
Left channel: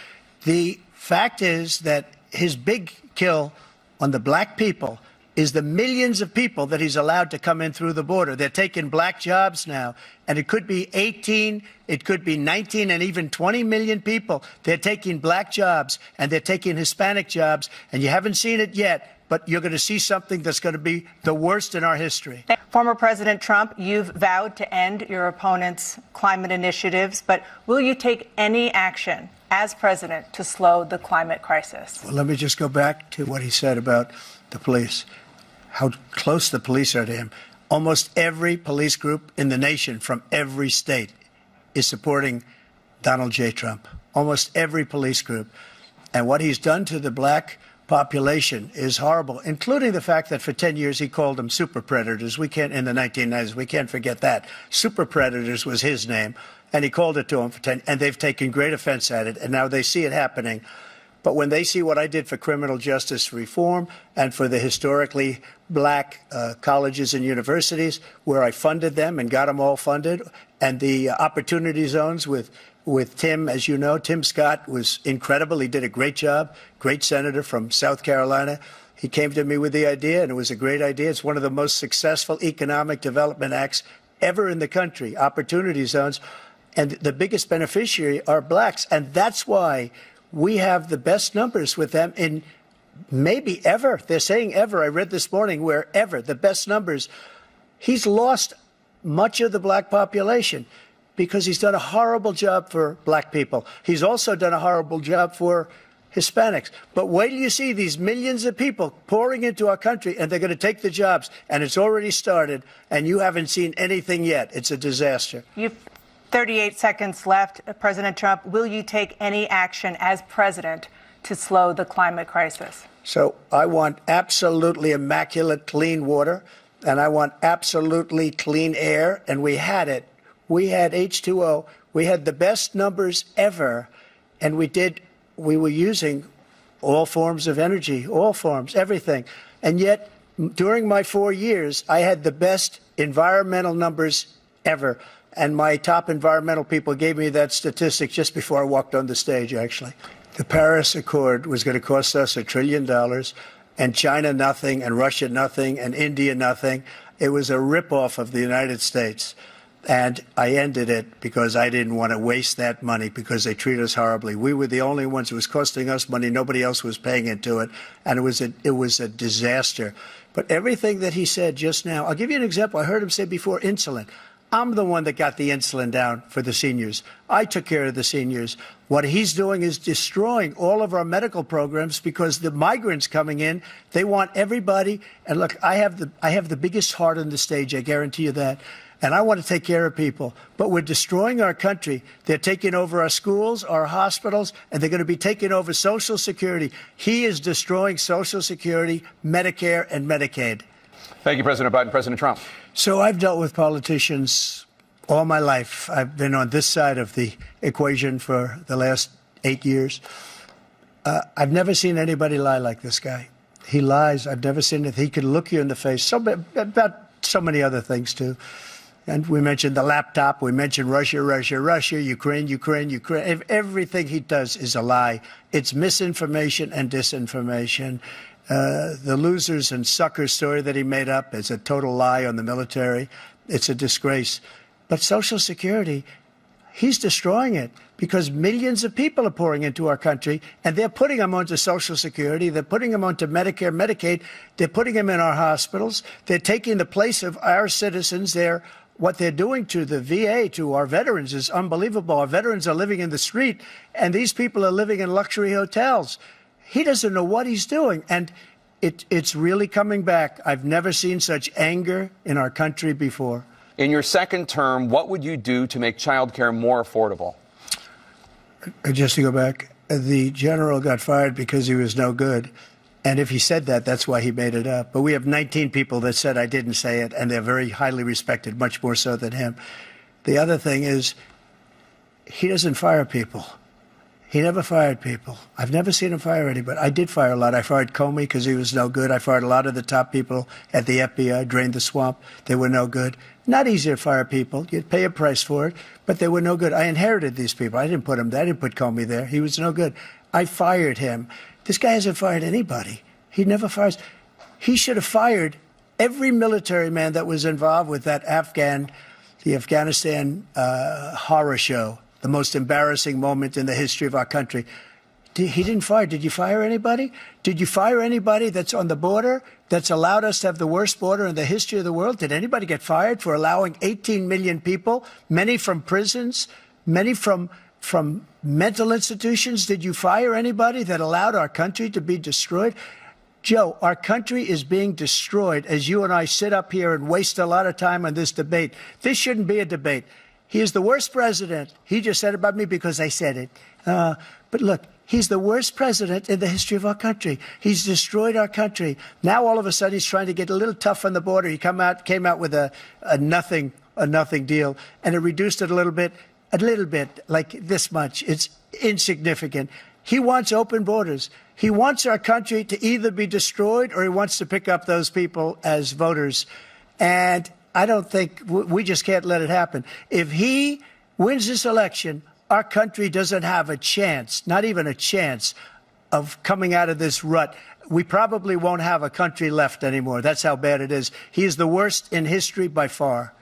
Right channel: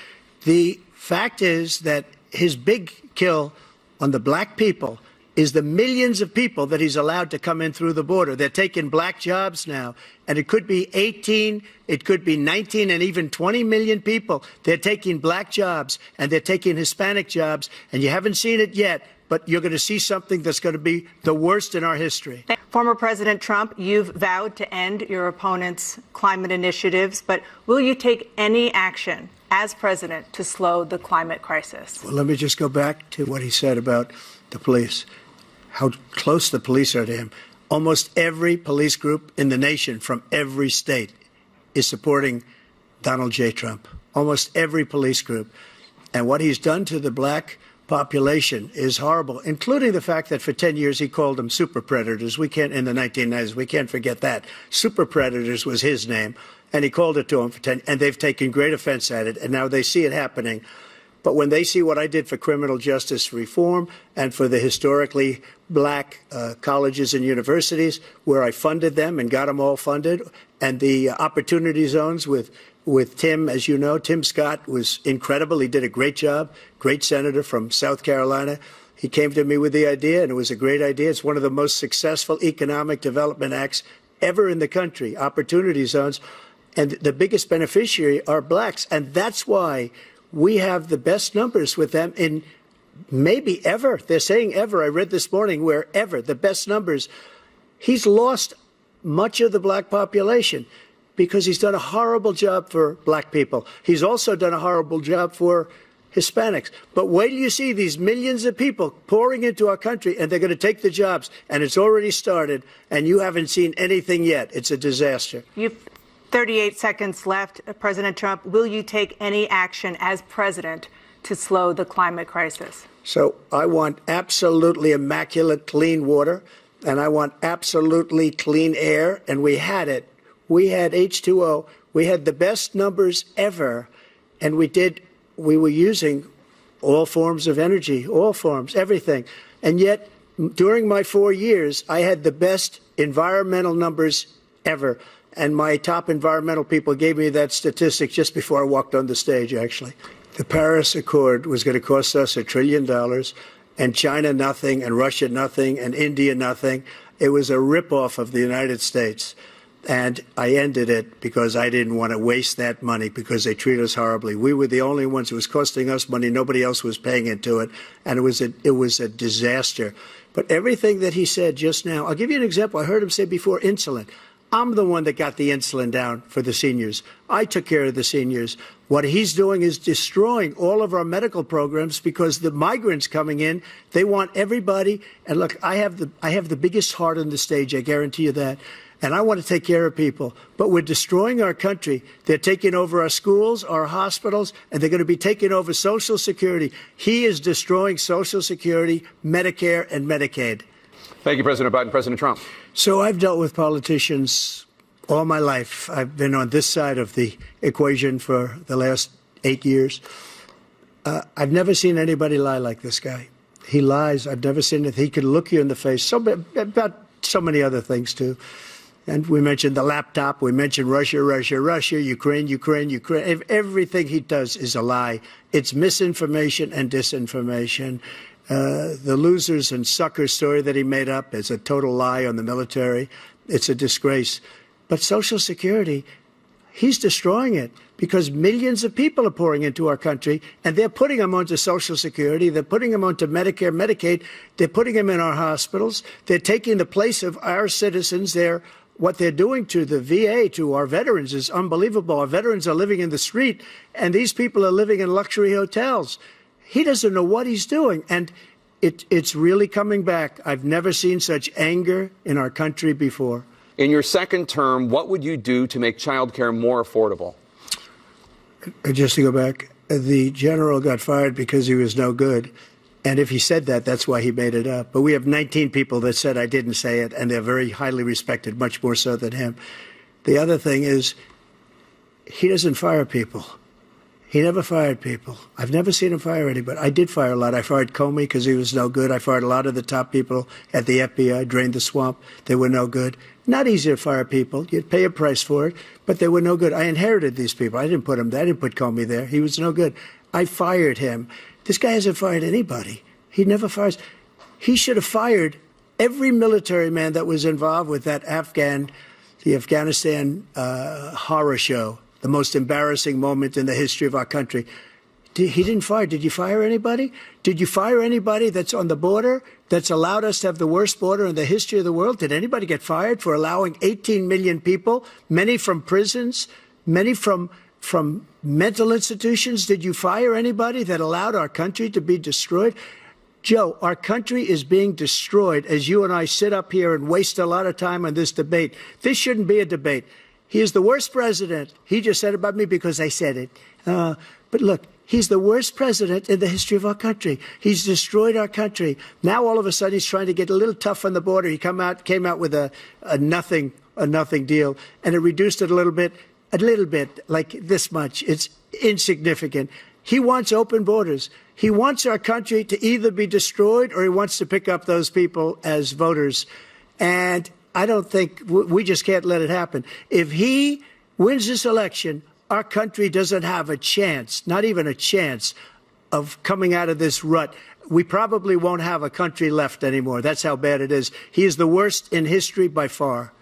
the fact is that his big kill on the black people is the millions of people that he's allowed to come in through the border. They're taking black jobs now, and it could be 18, it could be 19, and even 20 million people. They're taking black jobs, and they're taking Hispanic jobs, and you haven't seen it yet, but you're going to see something that's going to be the worst in our history. Former President Trump, you've vowed to end your opponent's climate initiatives, but will you take any action as president to slow the climate crisis? Well, let me just go back to what he said about the police, how close the police are to him. Almost every police group in the nation from every state is supporting Donald J. Trump. Almost every police group. And what he's done to the black population is horrible, including the fact that for 10 years he called them super predators. We can't, in the 1990s, we can't forget that. Super predators was his name, and he called it to them for 10, and they've taken great offense at it, and now they see it happening. But when they see what I did for criminal justice reform and for the historically black colleges and universities, where I funded them and got them all funded, and the opportunity zones with Tim, as you know, Tim Scott was incredible. He did a great job, great senator from South Carolina. He came to me with the idea, and it was a great idea. It's one of the most successful economic development acts ever in the country, opportunity zones. And the biggest beneficiary are blacks. And that's why we have the best numbers with them in maybe ever. They're saying ever. I read this morning where ever, the best numbers. He's lost much of the black population because he's done a horrible job for black people. He's also done a horrible job for Hispanics. But wait till you see these millions of people pouring into our country, and they're going to take the jobs. And it's already started, and you haven't seen anything yet. It's a disaster. You've 38 seconds left. President Trump, will you take any action as president to slow the climate crisis? So I want absolutely immaculate clean water, and I want absolutely clean air, and we had it. We had H2O. We had the best numbers ever, and we were using all forms of energy, all forms, everything. And yet, during my 4 years, I had the best environmental numbers ever. And my top environmental people gave me that statistic just before I walked on the stage, actually. The Paris Accord was going to cost us $1 trillion, and China nothing, and Russia nothing, and India nothing. It was a ripoff of the United States. And I ended it because I didn't want to waste that money because they treat us horribly. We were the only ones. It was costing us money. Nobody else was paying into it. And it was a disaster. But everything that he said just now, I'll give you an example. I heard him say before insulin. I'm the one that got the insulin down for the seniors. I took care of the seniors. What he's doing is destroying all of our medical programs because the migrants coming in, they want everybody. And look, I have the biggest heart on the stage. I guarantee you that. And I want to take care of people. But we're destroying our country. They're taking over our schools, our hospitals, and they're going to be taking over Social Security. He is destroying Social Security, Medicare, and Medicaid. Thank you, President Biden. President Trump. So I've dealt with politicians all my life. I've been on this side of the equation for the last 8 years. I've never seen anybody lie like this guy. He lies. I've never seen it. He could look you in the face. About so many other things, too. And we mentioned the laptop. We mentioned Russia, Ukraine. Everything he does is a lie. It's misinformation and disinformation. The losers and suckers story that he made up is a total lie on the military. It's a disgrace. But Social Security, he's destroying it because millions of people are pouring into our country, and they're putting them onto Social Security. They're putting them onto Medicare, Medicaid. They're putting them in our hospitals. They're taking the place of our citizens. What they're doing to the VA, to our veterans, is unbelievable. Our veterans are living in the street, and these people are living in luxury hotels. He doesn't know what he's doing, and it's really coming back. I've never seen such anger in our country before. In your second term, what would you do to make child care more affordable? Just to go back, the general got fired because he was no good. And if he said that, that's why he made it up. But we have 19 people that said I didn't say it, and they're very highly respected, much more so than him. The other thing is he doesn't fire people. He never fired people. I've never seen him fire anybody. I did fire a lot. I fired Comey because he was no good. I fired a lot of the top people at the FBI, drained the swamp. They were no good. Not easy to fire people. You'd pay a price for it, but they were no good. I inherited these people. I didn't put him there. I didn't put Comey there. He was no good. I fired him. This guy hasn't fired anybody. He never fires. He should have fired every military man that was involved with the Afghanistan horror show, the most embarrassing moment in the history of our country. He didn't fire. Did you fire anybody? Did you fire anybody that's on the border that's allowed us to have the worst border in the history of the world? Did anybody get fired for allowing 18 million people, many from prisons, many from mental institutions? Did you fire anybody that allowed our country to be destroyed? Joe, our country is being destroyed as you and I sit up here and waste a lot of time on this debate. This shouldn't be a debate. He is the worst president. He just said about me because I said it. But look, he's the worst president in the history of our country. He's destroyed our country. Now all of a sudden he's trying to get a little tough on the border. He came out with a nothing deal, and it reduced it a little bit, like this much. It's insignificant. He wants open borders. He wants our country to either be destroyed or he wants to pick up those people as voters. And I don't think we just can't let it happen. If he wins this election, our country doesn't have a chance, not even a chance, of coming out of this rut. We probably won't have a country left anymore. That's how bad it is. He is the worst in history by far.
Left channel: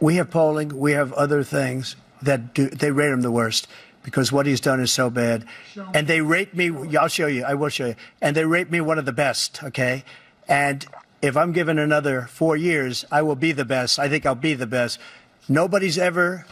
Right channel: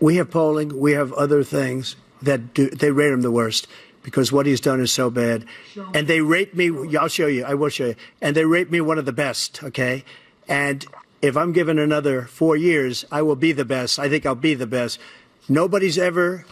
We have polling. We have other things that they rate him the worst because what he's done is so bad. And they rate me. I'll show you. I will show you. And they rate me one of the best. OK, and if I'm given another 4 years, I will be the best. I think I'll be the best. Nobody's ever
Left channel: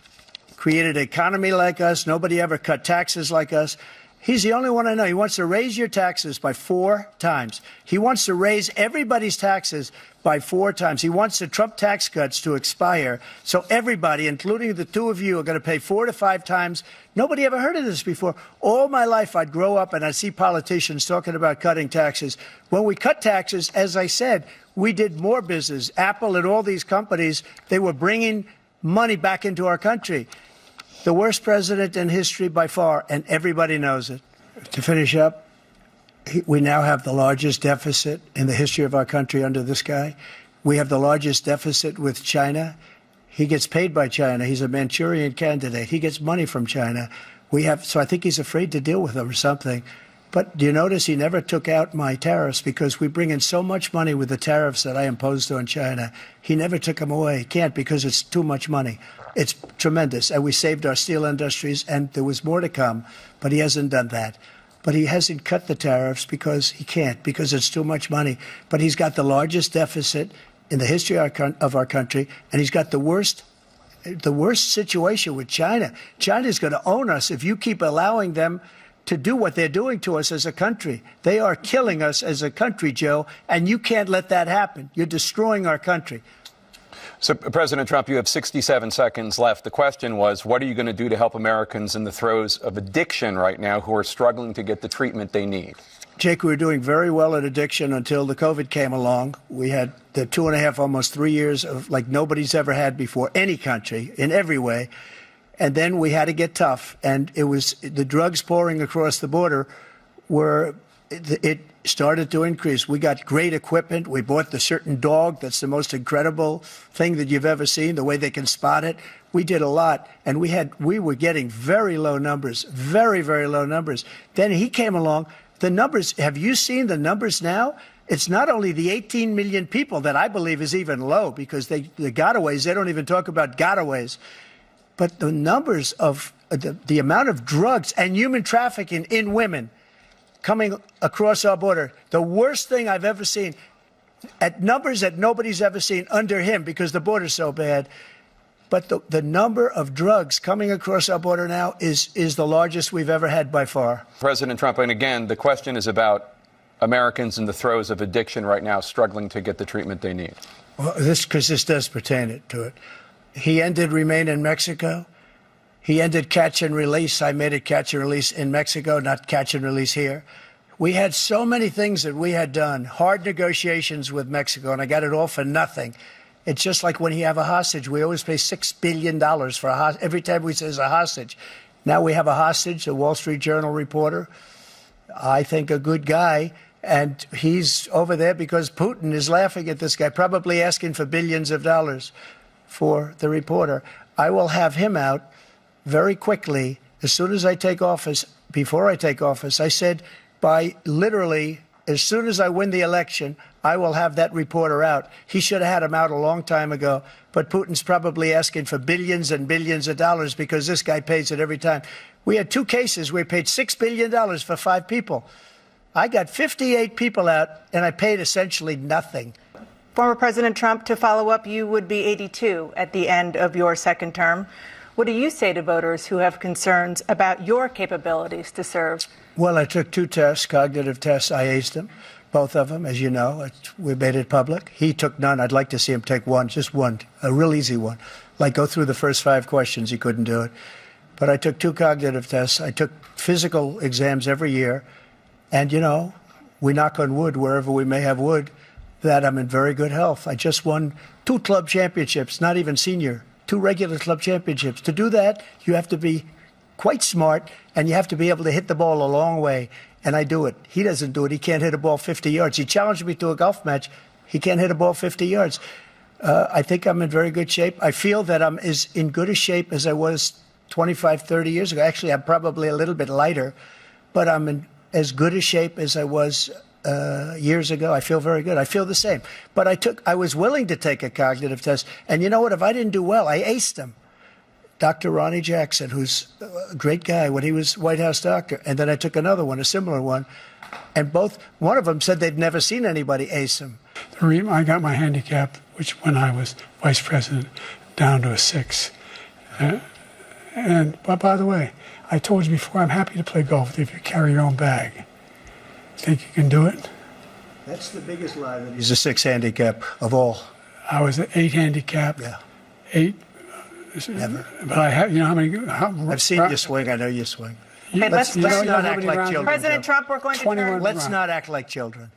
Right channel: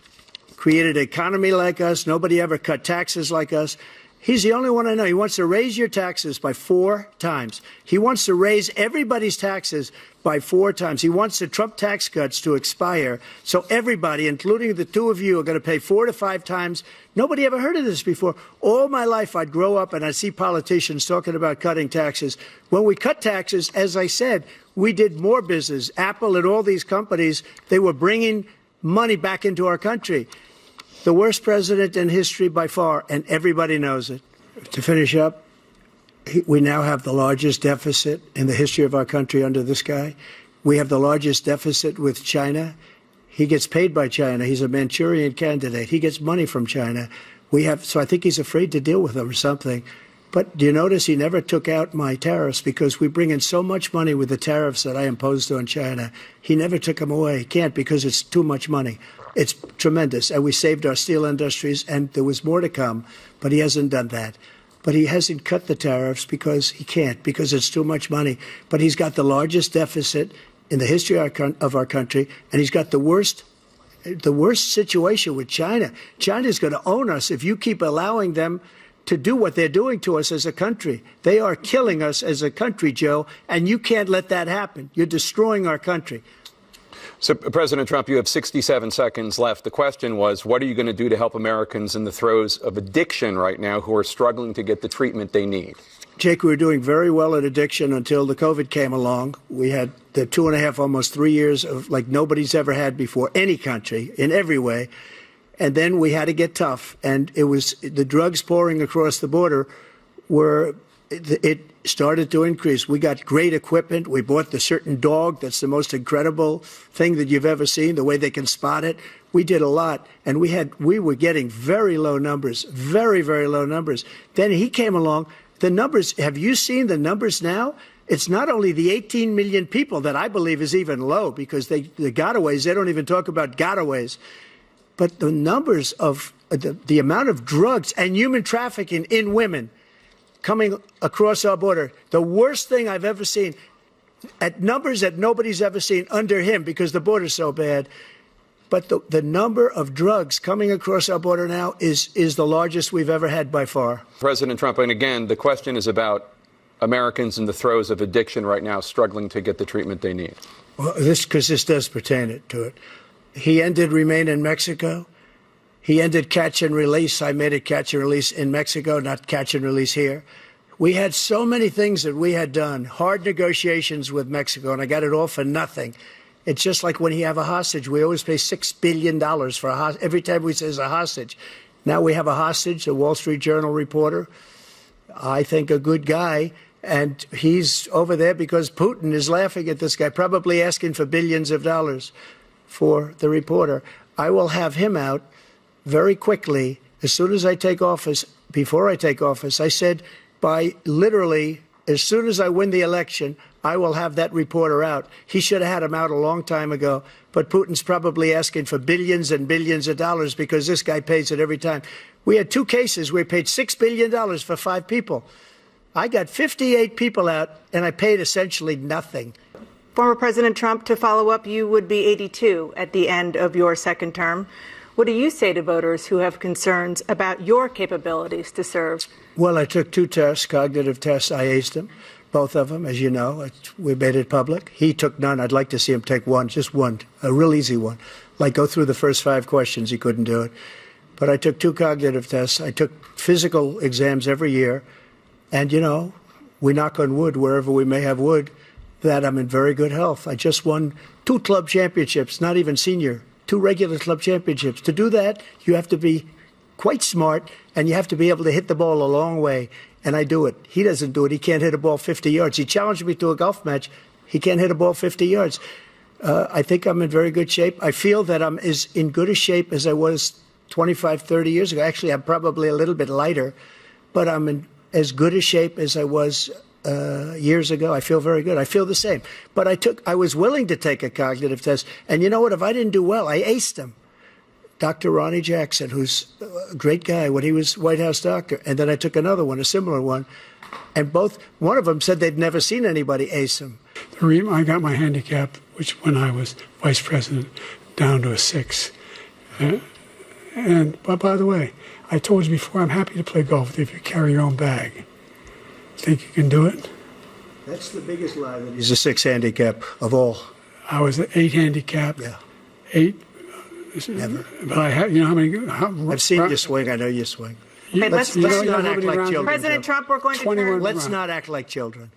created an economy like us. Nobody ever cut taxes like us. He's the only one I know. He wants to raise your taxes by 4 times. He wants to raise everybody's taxes by 4 times. He wants the Trump tax cuts to expire. So everybody, including the two of you, are going to pay 4 to 5 times. Nobody ever heard of this before. All my life, I'd grow up and I'd see politicians talking about cutting taxes. When we cut taxes, as I said, we did more business. Apple and all these companies, they were bringing money back into our country. The worst president in history by far, and everybody knows it. To finish up, we now have the largest deficit in the history of our country under this guy. We have the largest deficit with China. He gets paid by China. He's a Manchurian candidate. He gets money from China. So I think he's afraid to deal with them or something. But do you notice he never took out my tariffs because we bring in so much money with the tariffs that I imposed on China. He never took them away. He can't because it's too much money. It's tremendous. And we saved our steel industries, and there was more to come, but he hasn't done that. But he hasn't cut the tariffs because he can't, because it's too much money. But he's got the largest deficit in the history of our country, and he's got the worst situation with China. China's going to own us if you keep allowing them to do what they're doing to us as a country. They are killing us as a country, Joe, and you can't let that happen. You're destroying our country. So, President Trump, you have 67 seconds left. The question was, what are you going to do to help Americans in the throes of addiction right now who are struggling to get the treatment they need? Jake, we were doing very well at addiction until the COVID came along. We had the 2.5, almost 3 years of like nobody's ever had before, any country, in every way. And then we had to get tough. And it was the drugs pouring across the border it started to increase. We got great equipment. We bought the certain dog that's the most incredible thing that you've ever seen, the way they can spot it. We did a lot, and we were getting very low numbers, very, very low numbers. Then he came along. The numbers, have you seen the numbers now? It's not only the 18 million people that I believe is even low because the gotaways, they don't even talk about gotaways. But the numbers of the amount of drugs and human trafficking in women coming across our border, the worst thing I've ever seen, at numbers that nobody's ever seen under him because the border's so bad. But the number of drugs coming across our border now is the largest we've ever had by far. President Trump, and again, the question is about Americans in the throes of addiction right now struggling to get the treatment they need. Well, this does pertain to it. He ended Remain in Mexico. He ended catch and release. I made it catch and release in Mexico, not catch and release here. We had so many things that we had done, hard negotiations with Mexico, and I got it all for nothing. It's just like when you have a hostage. We always pay $6 billion for a hostage. Every time we say it's a hostage. Now we have a hostage, a Wall Street Journal reporter, I think a good guy, and he's over there because Putin is laughing at this guy, probably asking for billions of dollars for the reporter. I will have him out very quickly as soon as I take office. Before I take office, I said by literally as soon as I win the election, I will have that reporter out. He should have had him out a long time ago, but Putin's probably asking for billions and billions of dollars because this guy pays it every time. We had 2 cases where we paid $6 billion for 5 people. I got 58 people out, and I paid essentially nothing. Former President Trump, to follow up, you would be 82 at the end of your second term. What do you say to voters who have concerns about your capabilities to serve? Well, I took 2 tests, cognitive tests. I aced them, both of them, as you know. We made it public. He took none. I'd like to see him take one, just one, a real easy one. Like go through the first 5 questions. He couldn't do it. But I took 2 cognitive tests. I took physical exams every year. And, you know, we knock on wood wherever we may have wood, that I'm in very good health. I just won 2 club championships, not even senior, 2 regular club championships. To do that, you have to be quite smart, and you have to be able to hit the ball a long way. And I do it. He doesn't do it. He can't hit a ball 50 yards. He challenged me to a golf match. He can't hit a ball 50 yards. I think I'm in very good shape. I feel that I'm as in good a shape as I was 25, 30 years ago. Actually, I'm probably a little bit lighter, but I'm in as good a shape as I was years ago. I feel very good. I feel the same. But I was willing to take a cognitive test. And you know what? If I didn't do well, I aced him. Dr. Ronnie Jackson, who's a great guy when he was White House doctor. And then I took another one, a similar one. And one of them said they'd never seen anybody ace him. I got my handicap, which when I was vice president, down to a 6. But by the way, I told you before, I'm happy to play golf if you carry your own bag. Think you can do it? That's the biggest lie. He's a 6 handicap of all. I was an 8 handicap. Yeah. 8. Never. But I had, you know how many? I've seen you swing. I know you swing. Okay, let's not act like children. President Trump, we're going to 21 turn Let's not act like children.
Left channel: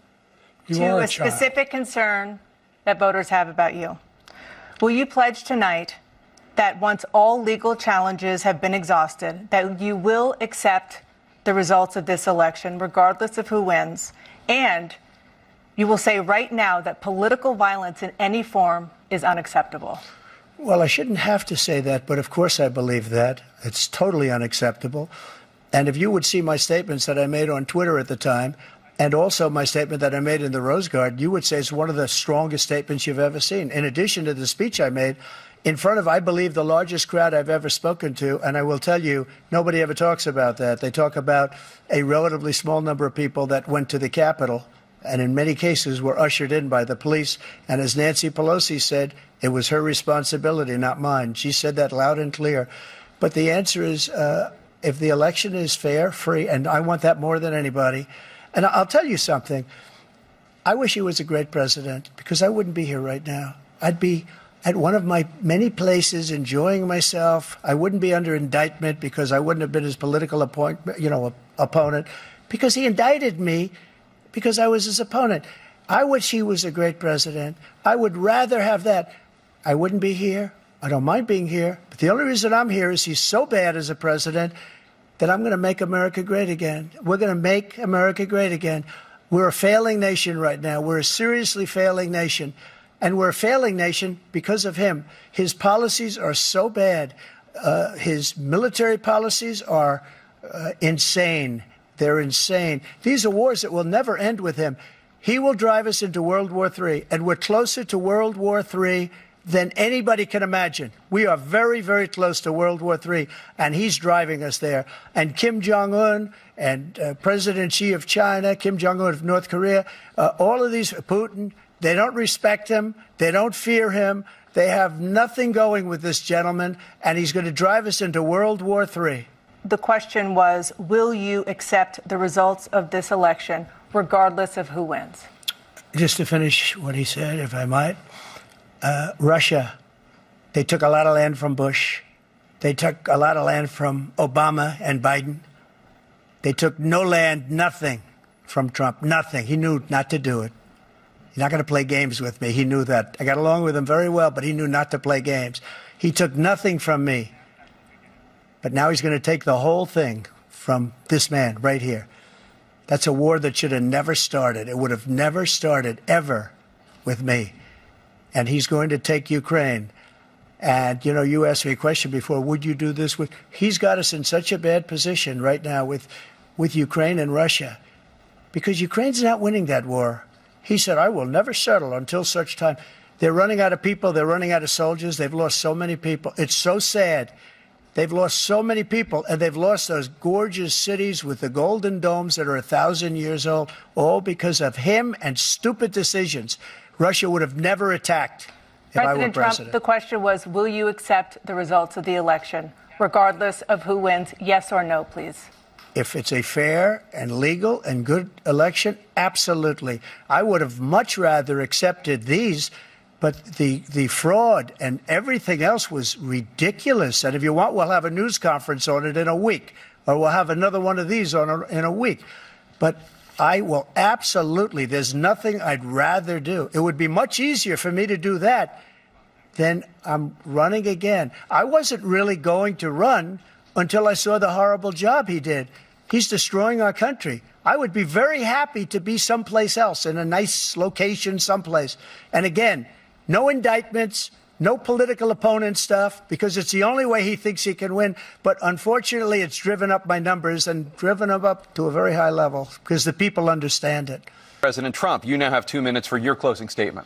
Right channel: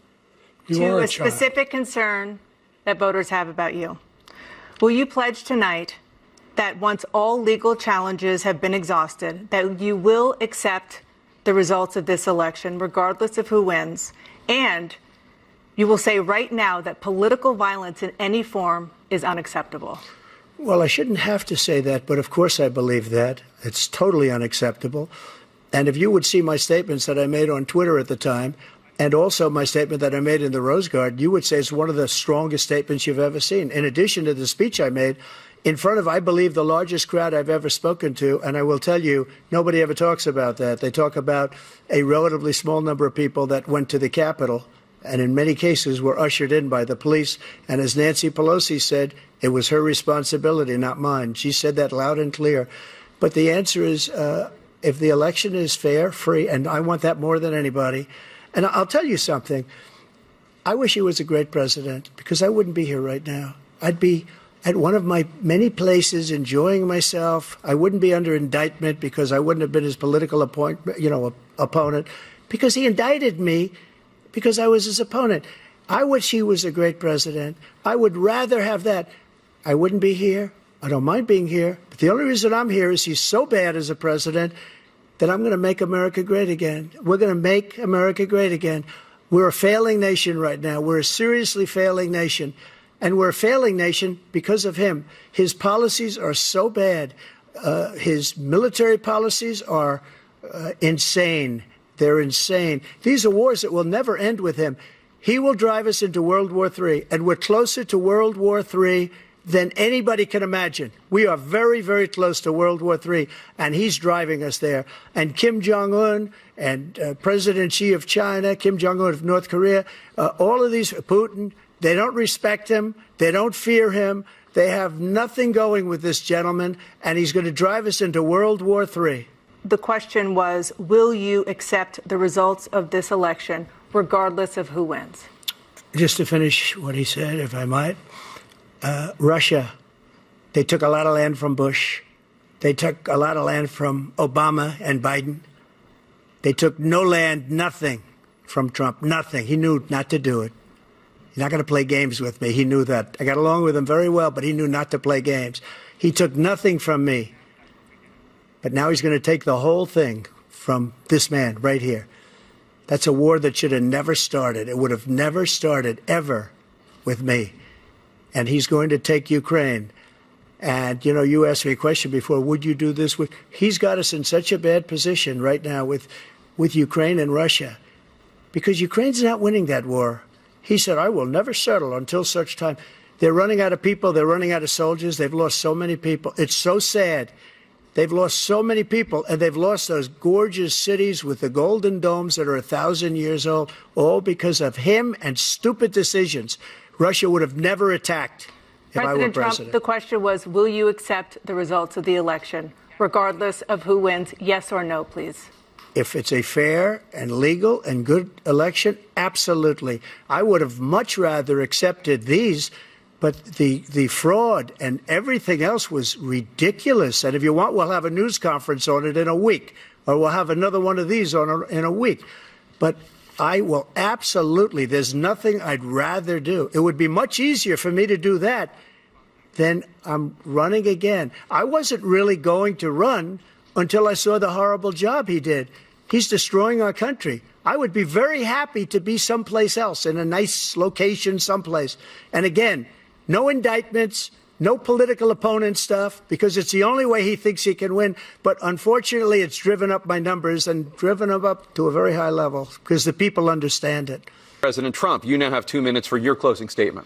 You to are a child. specific concern that voters have about you. Will you pledge tonight that once all legal challenges have been exhausted, that you will accept the results of this election, regardless of who wins, and you will say right now that political violence in any form is unacceptable? Well, I shouldn't have to say that, but of course I believe that. It's totally unacceptable. And if you would see my statements that I made on Twitter at the time, and also my statement that I made in the Rose Garden, you would say it's one of the strongest statements you've ever seen. In addition to the speech I made in front of, I believe, the largest crowd I've ever spoken to, and I will tell you, nobody ever talks about that. They talk about a relatively small number of people that went to the Capitol, and in many cases were ushered in by the police. And as Nancy Pelosi said, it was her responsibility, not mine. She said that loud and clear. But the answer is, if the election is fair, free, and I want that more than anybody. And I'll tell you something. I wish he was a great president, because I wouldn't be here right now. I'd be at one of my many places enjoying myself. I wouldn't be under indictment because I wouldn't have been his political opponent, because he indicted me because I was his opponent. I wish he was a great president. I would rather have that. I wouldn't be here. I don't mind being here. But the only reason I'm here is he's so bad as a president that I'm going to make America great again. We're going to make America great again. We're a failing nation right now. We're a seriously failing nation. And we're a failing nation because of him. His policies are so bad. His military policies are insane. They're insane. These are wars that will never end with him. He will drive us into World War III, and we're closer to World War III than anybody can imagine. We are very, very close to World War III, and he's driving us there. And Kim Jong-un and President Xi of China, Kim Jong-un of North Korea, all of these, Putin, they don't respect him. They don't fear him. They have nothing going with this gentleman, and he's going to drive us into World War III. The question was, will you accept the results of this election, regardless of who wins? Just to finish what he said, if I might, Russia, they took a lot of land from Bush. They took a lot of land from Obama and Biden. They took no land, nothing from Trump, nothing. He knew not to do it. He's not going to play games with me. He knew that. I got along with him very well, but he knew not to play games. He took nothing from me. But now he's going to take the whole thing from this man right here. That's a war that should have never started. It would have never started, ever, with me. And he's going to take Ukraine. And, you know, you asked me a question before, would you do this with... He's got us in such a bad position right now with Ukraine and Russia, because Ukraine's not winning that war. He said, I will never settle until such time. They're running out of people. They're running out of soldiers. They've lost so many people. It's so sad. They've lost so many people, and they've lost those gorgeous cities with the golden domes that are 1,000 years old, all because of him and stupid decisions. Russia would have never attacked if I were president. Trump, the question was, will you accept the results of the election, regardless of who wins? Yes or no, please. If it's a fair and legal and good election, absolutely. I would have much rather accepted these. But the fraud and everything else was ridiculous. And if you want, we'll have a news conference on it in a week, or we'll have another one of these in a week. But I will absolutely, there's nothing I'd rather do. It would be much easier for me to do that than I'm running again. I wasn't really going to run until I saw the horrible job he did. He's destroying our country. I would be very happy to be someplace else, in a nice location someplace. And again, no indictments, no political opponent stuff, because it's the only way he thinks he can win. But unfortunately, it's driven up my numbers and driven them up to a very high level because the people understand it. President Trump, you now have 2 minutes for your closing statement.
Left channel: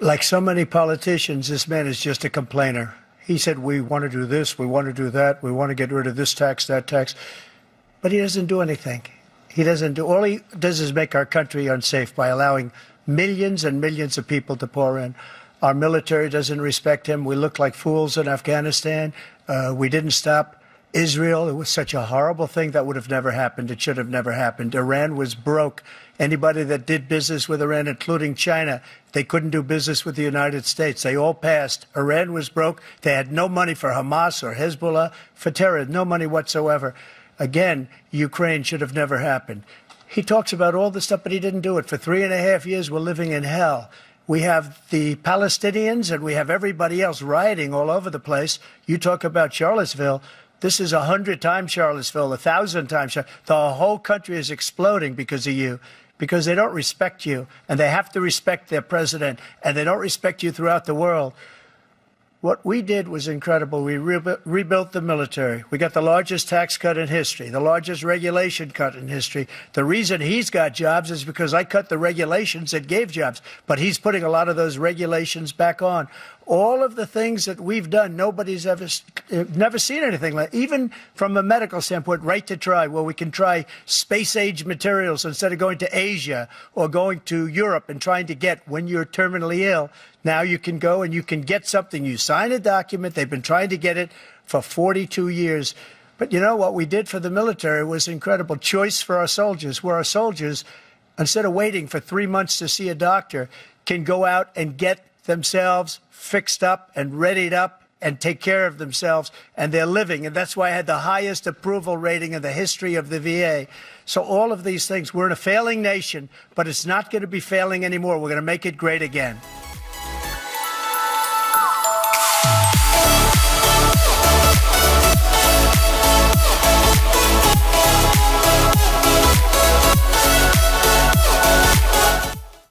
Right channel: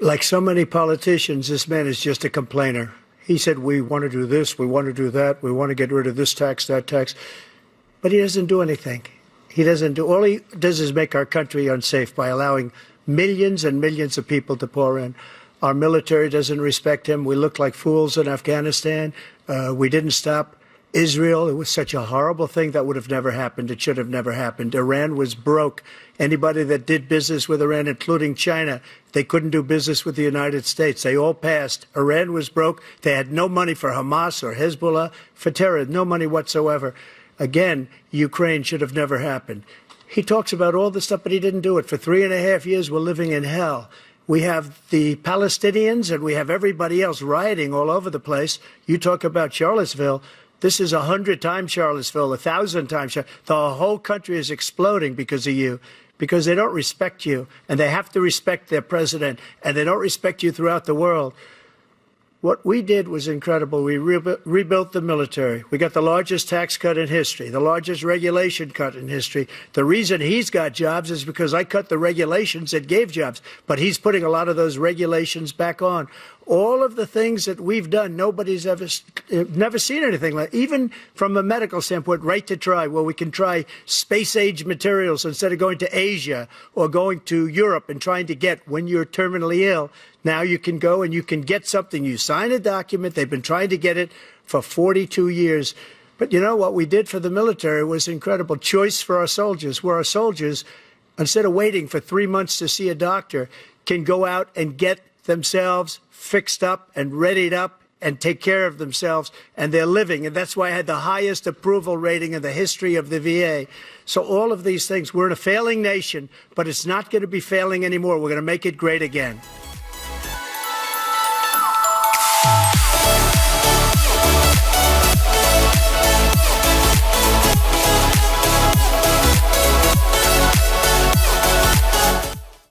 Like so many politicians, this man is just a complainer. He said, we want to do this, we want to do that, we want to get rid of this tax, that tax. But he doesn't do anything. He doesn't do. All he does is make our country unsafe by allowing millions and millions of people to pour in. Our military doesn't respect him. We look like fools in Afghanistan. We didn't stop Israel. It was such a horrible thing that would have never happened. It should have never happened. Iran was broke. Anybody that did business with Iran, including China, they couldn't do business with the United States. They all passed. Iran was broke. They had no money for Hamas or Hezbollah, for terror, no money whatsoever. Again, Ukraine should have never happened. He talks about all this stuff, but he didn't do it. For 3.5 years, we're living in hell. We have the Palestinians and we have everybody else rioting all over the place. You talk about Charlottesville. This is 100 times Charlottesville, 1,000 times. The whole country is exploding because of you, because they don't respect you, and they have to respect their president, and they don't respect you throughout the world. What we did was incredible. We rebuilt the military. We got the largest tax cut in history, the largest regulation cut in history. The reason he's got jobs is because I cut the regulations that gave jobs, but he's putting a lot of those regulations back on. All of the things that we've done, nobody's never seen anything like. Even from a medical standpoint, right to try, where we can try space-age materials instead of going to Asia or going to Europe and trying to get when you're terminally ill. Now you can go and you can get something. You sign a document. They've been trying to get it for 42 years. But you know what we did for the military was incredible. Choice for our soldiers, where our soldiers, instead of waiting for 3 months to see a doctor, can go out and get themselves fixed up and readied up and take care of themselves, and they're living. And that's why I had the highest approval rating in the history of the VA. So all of these things, we're in a failing nation, but it's not going to be failing anymore. We're going to make it great again.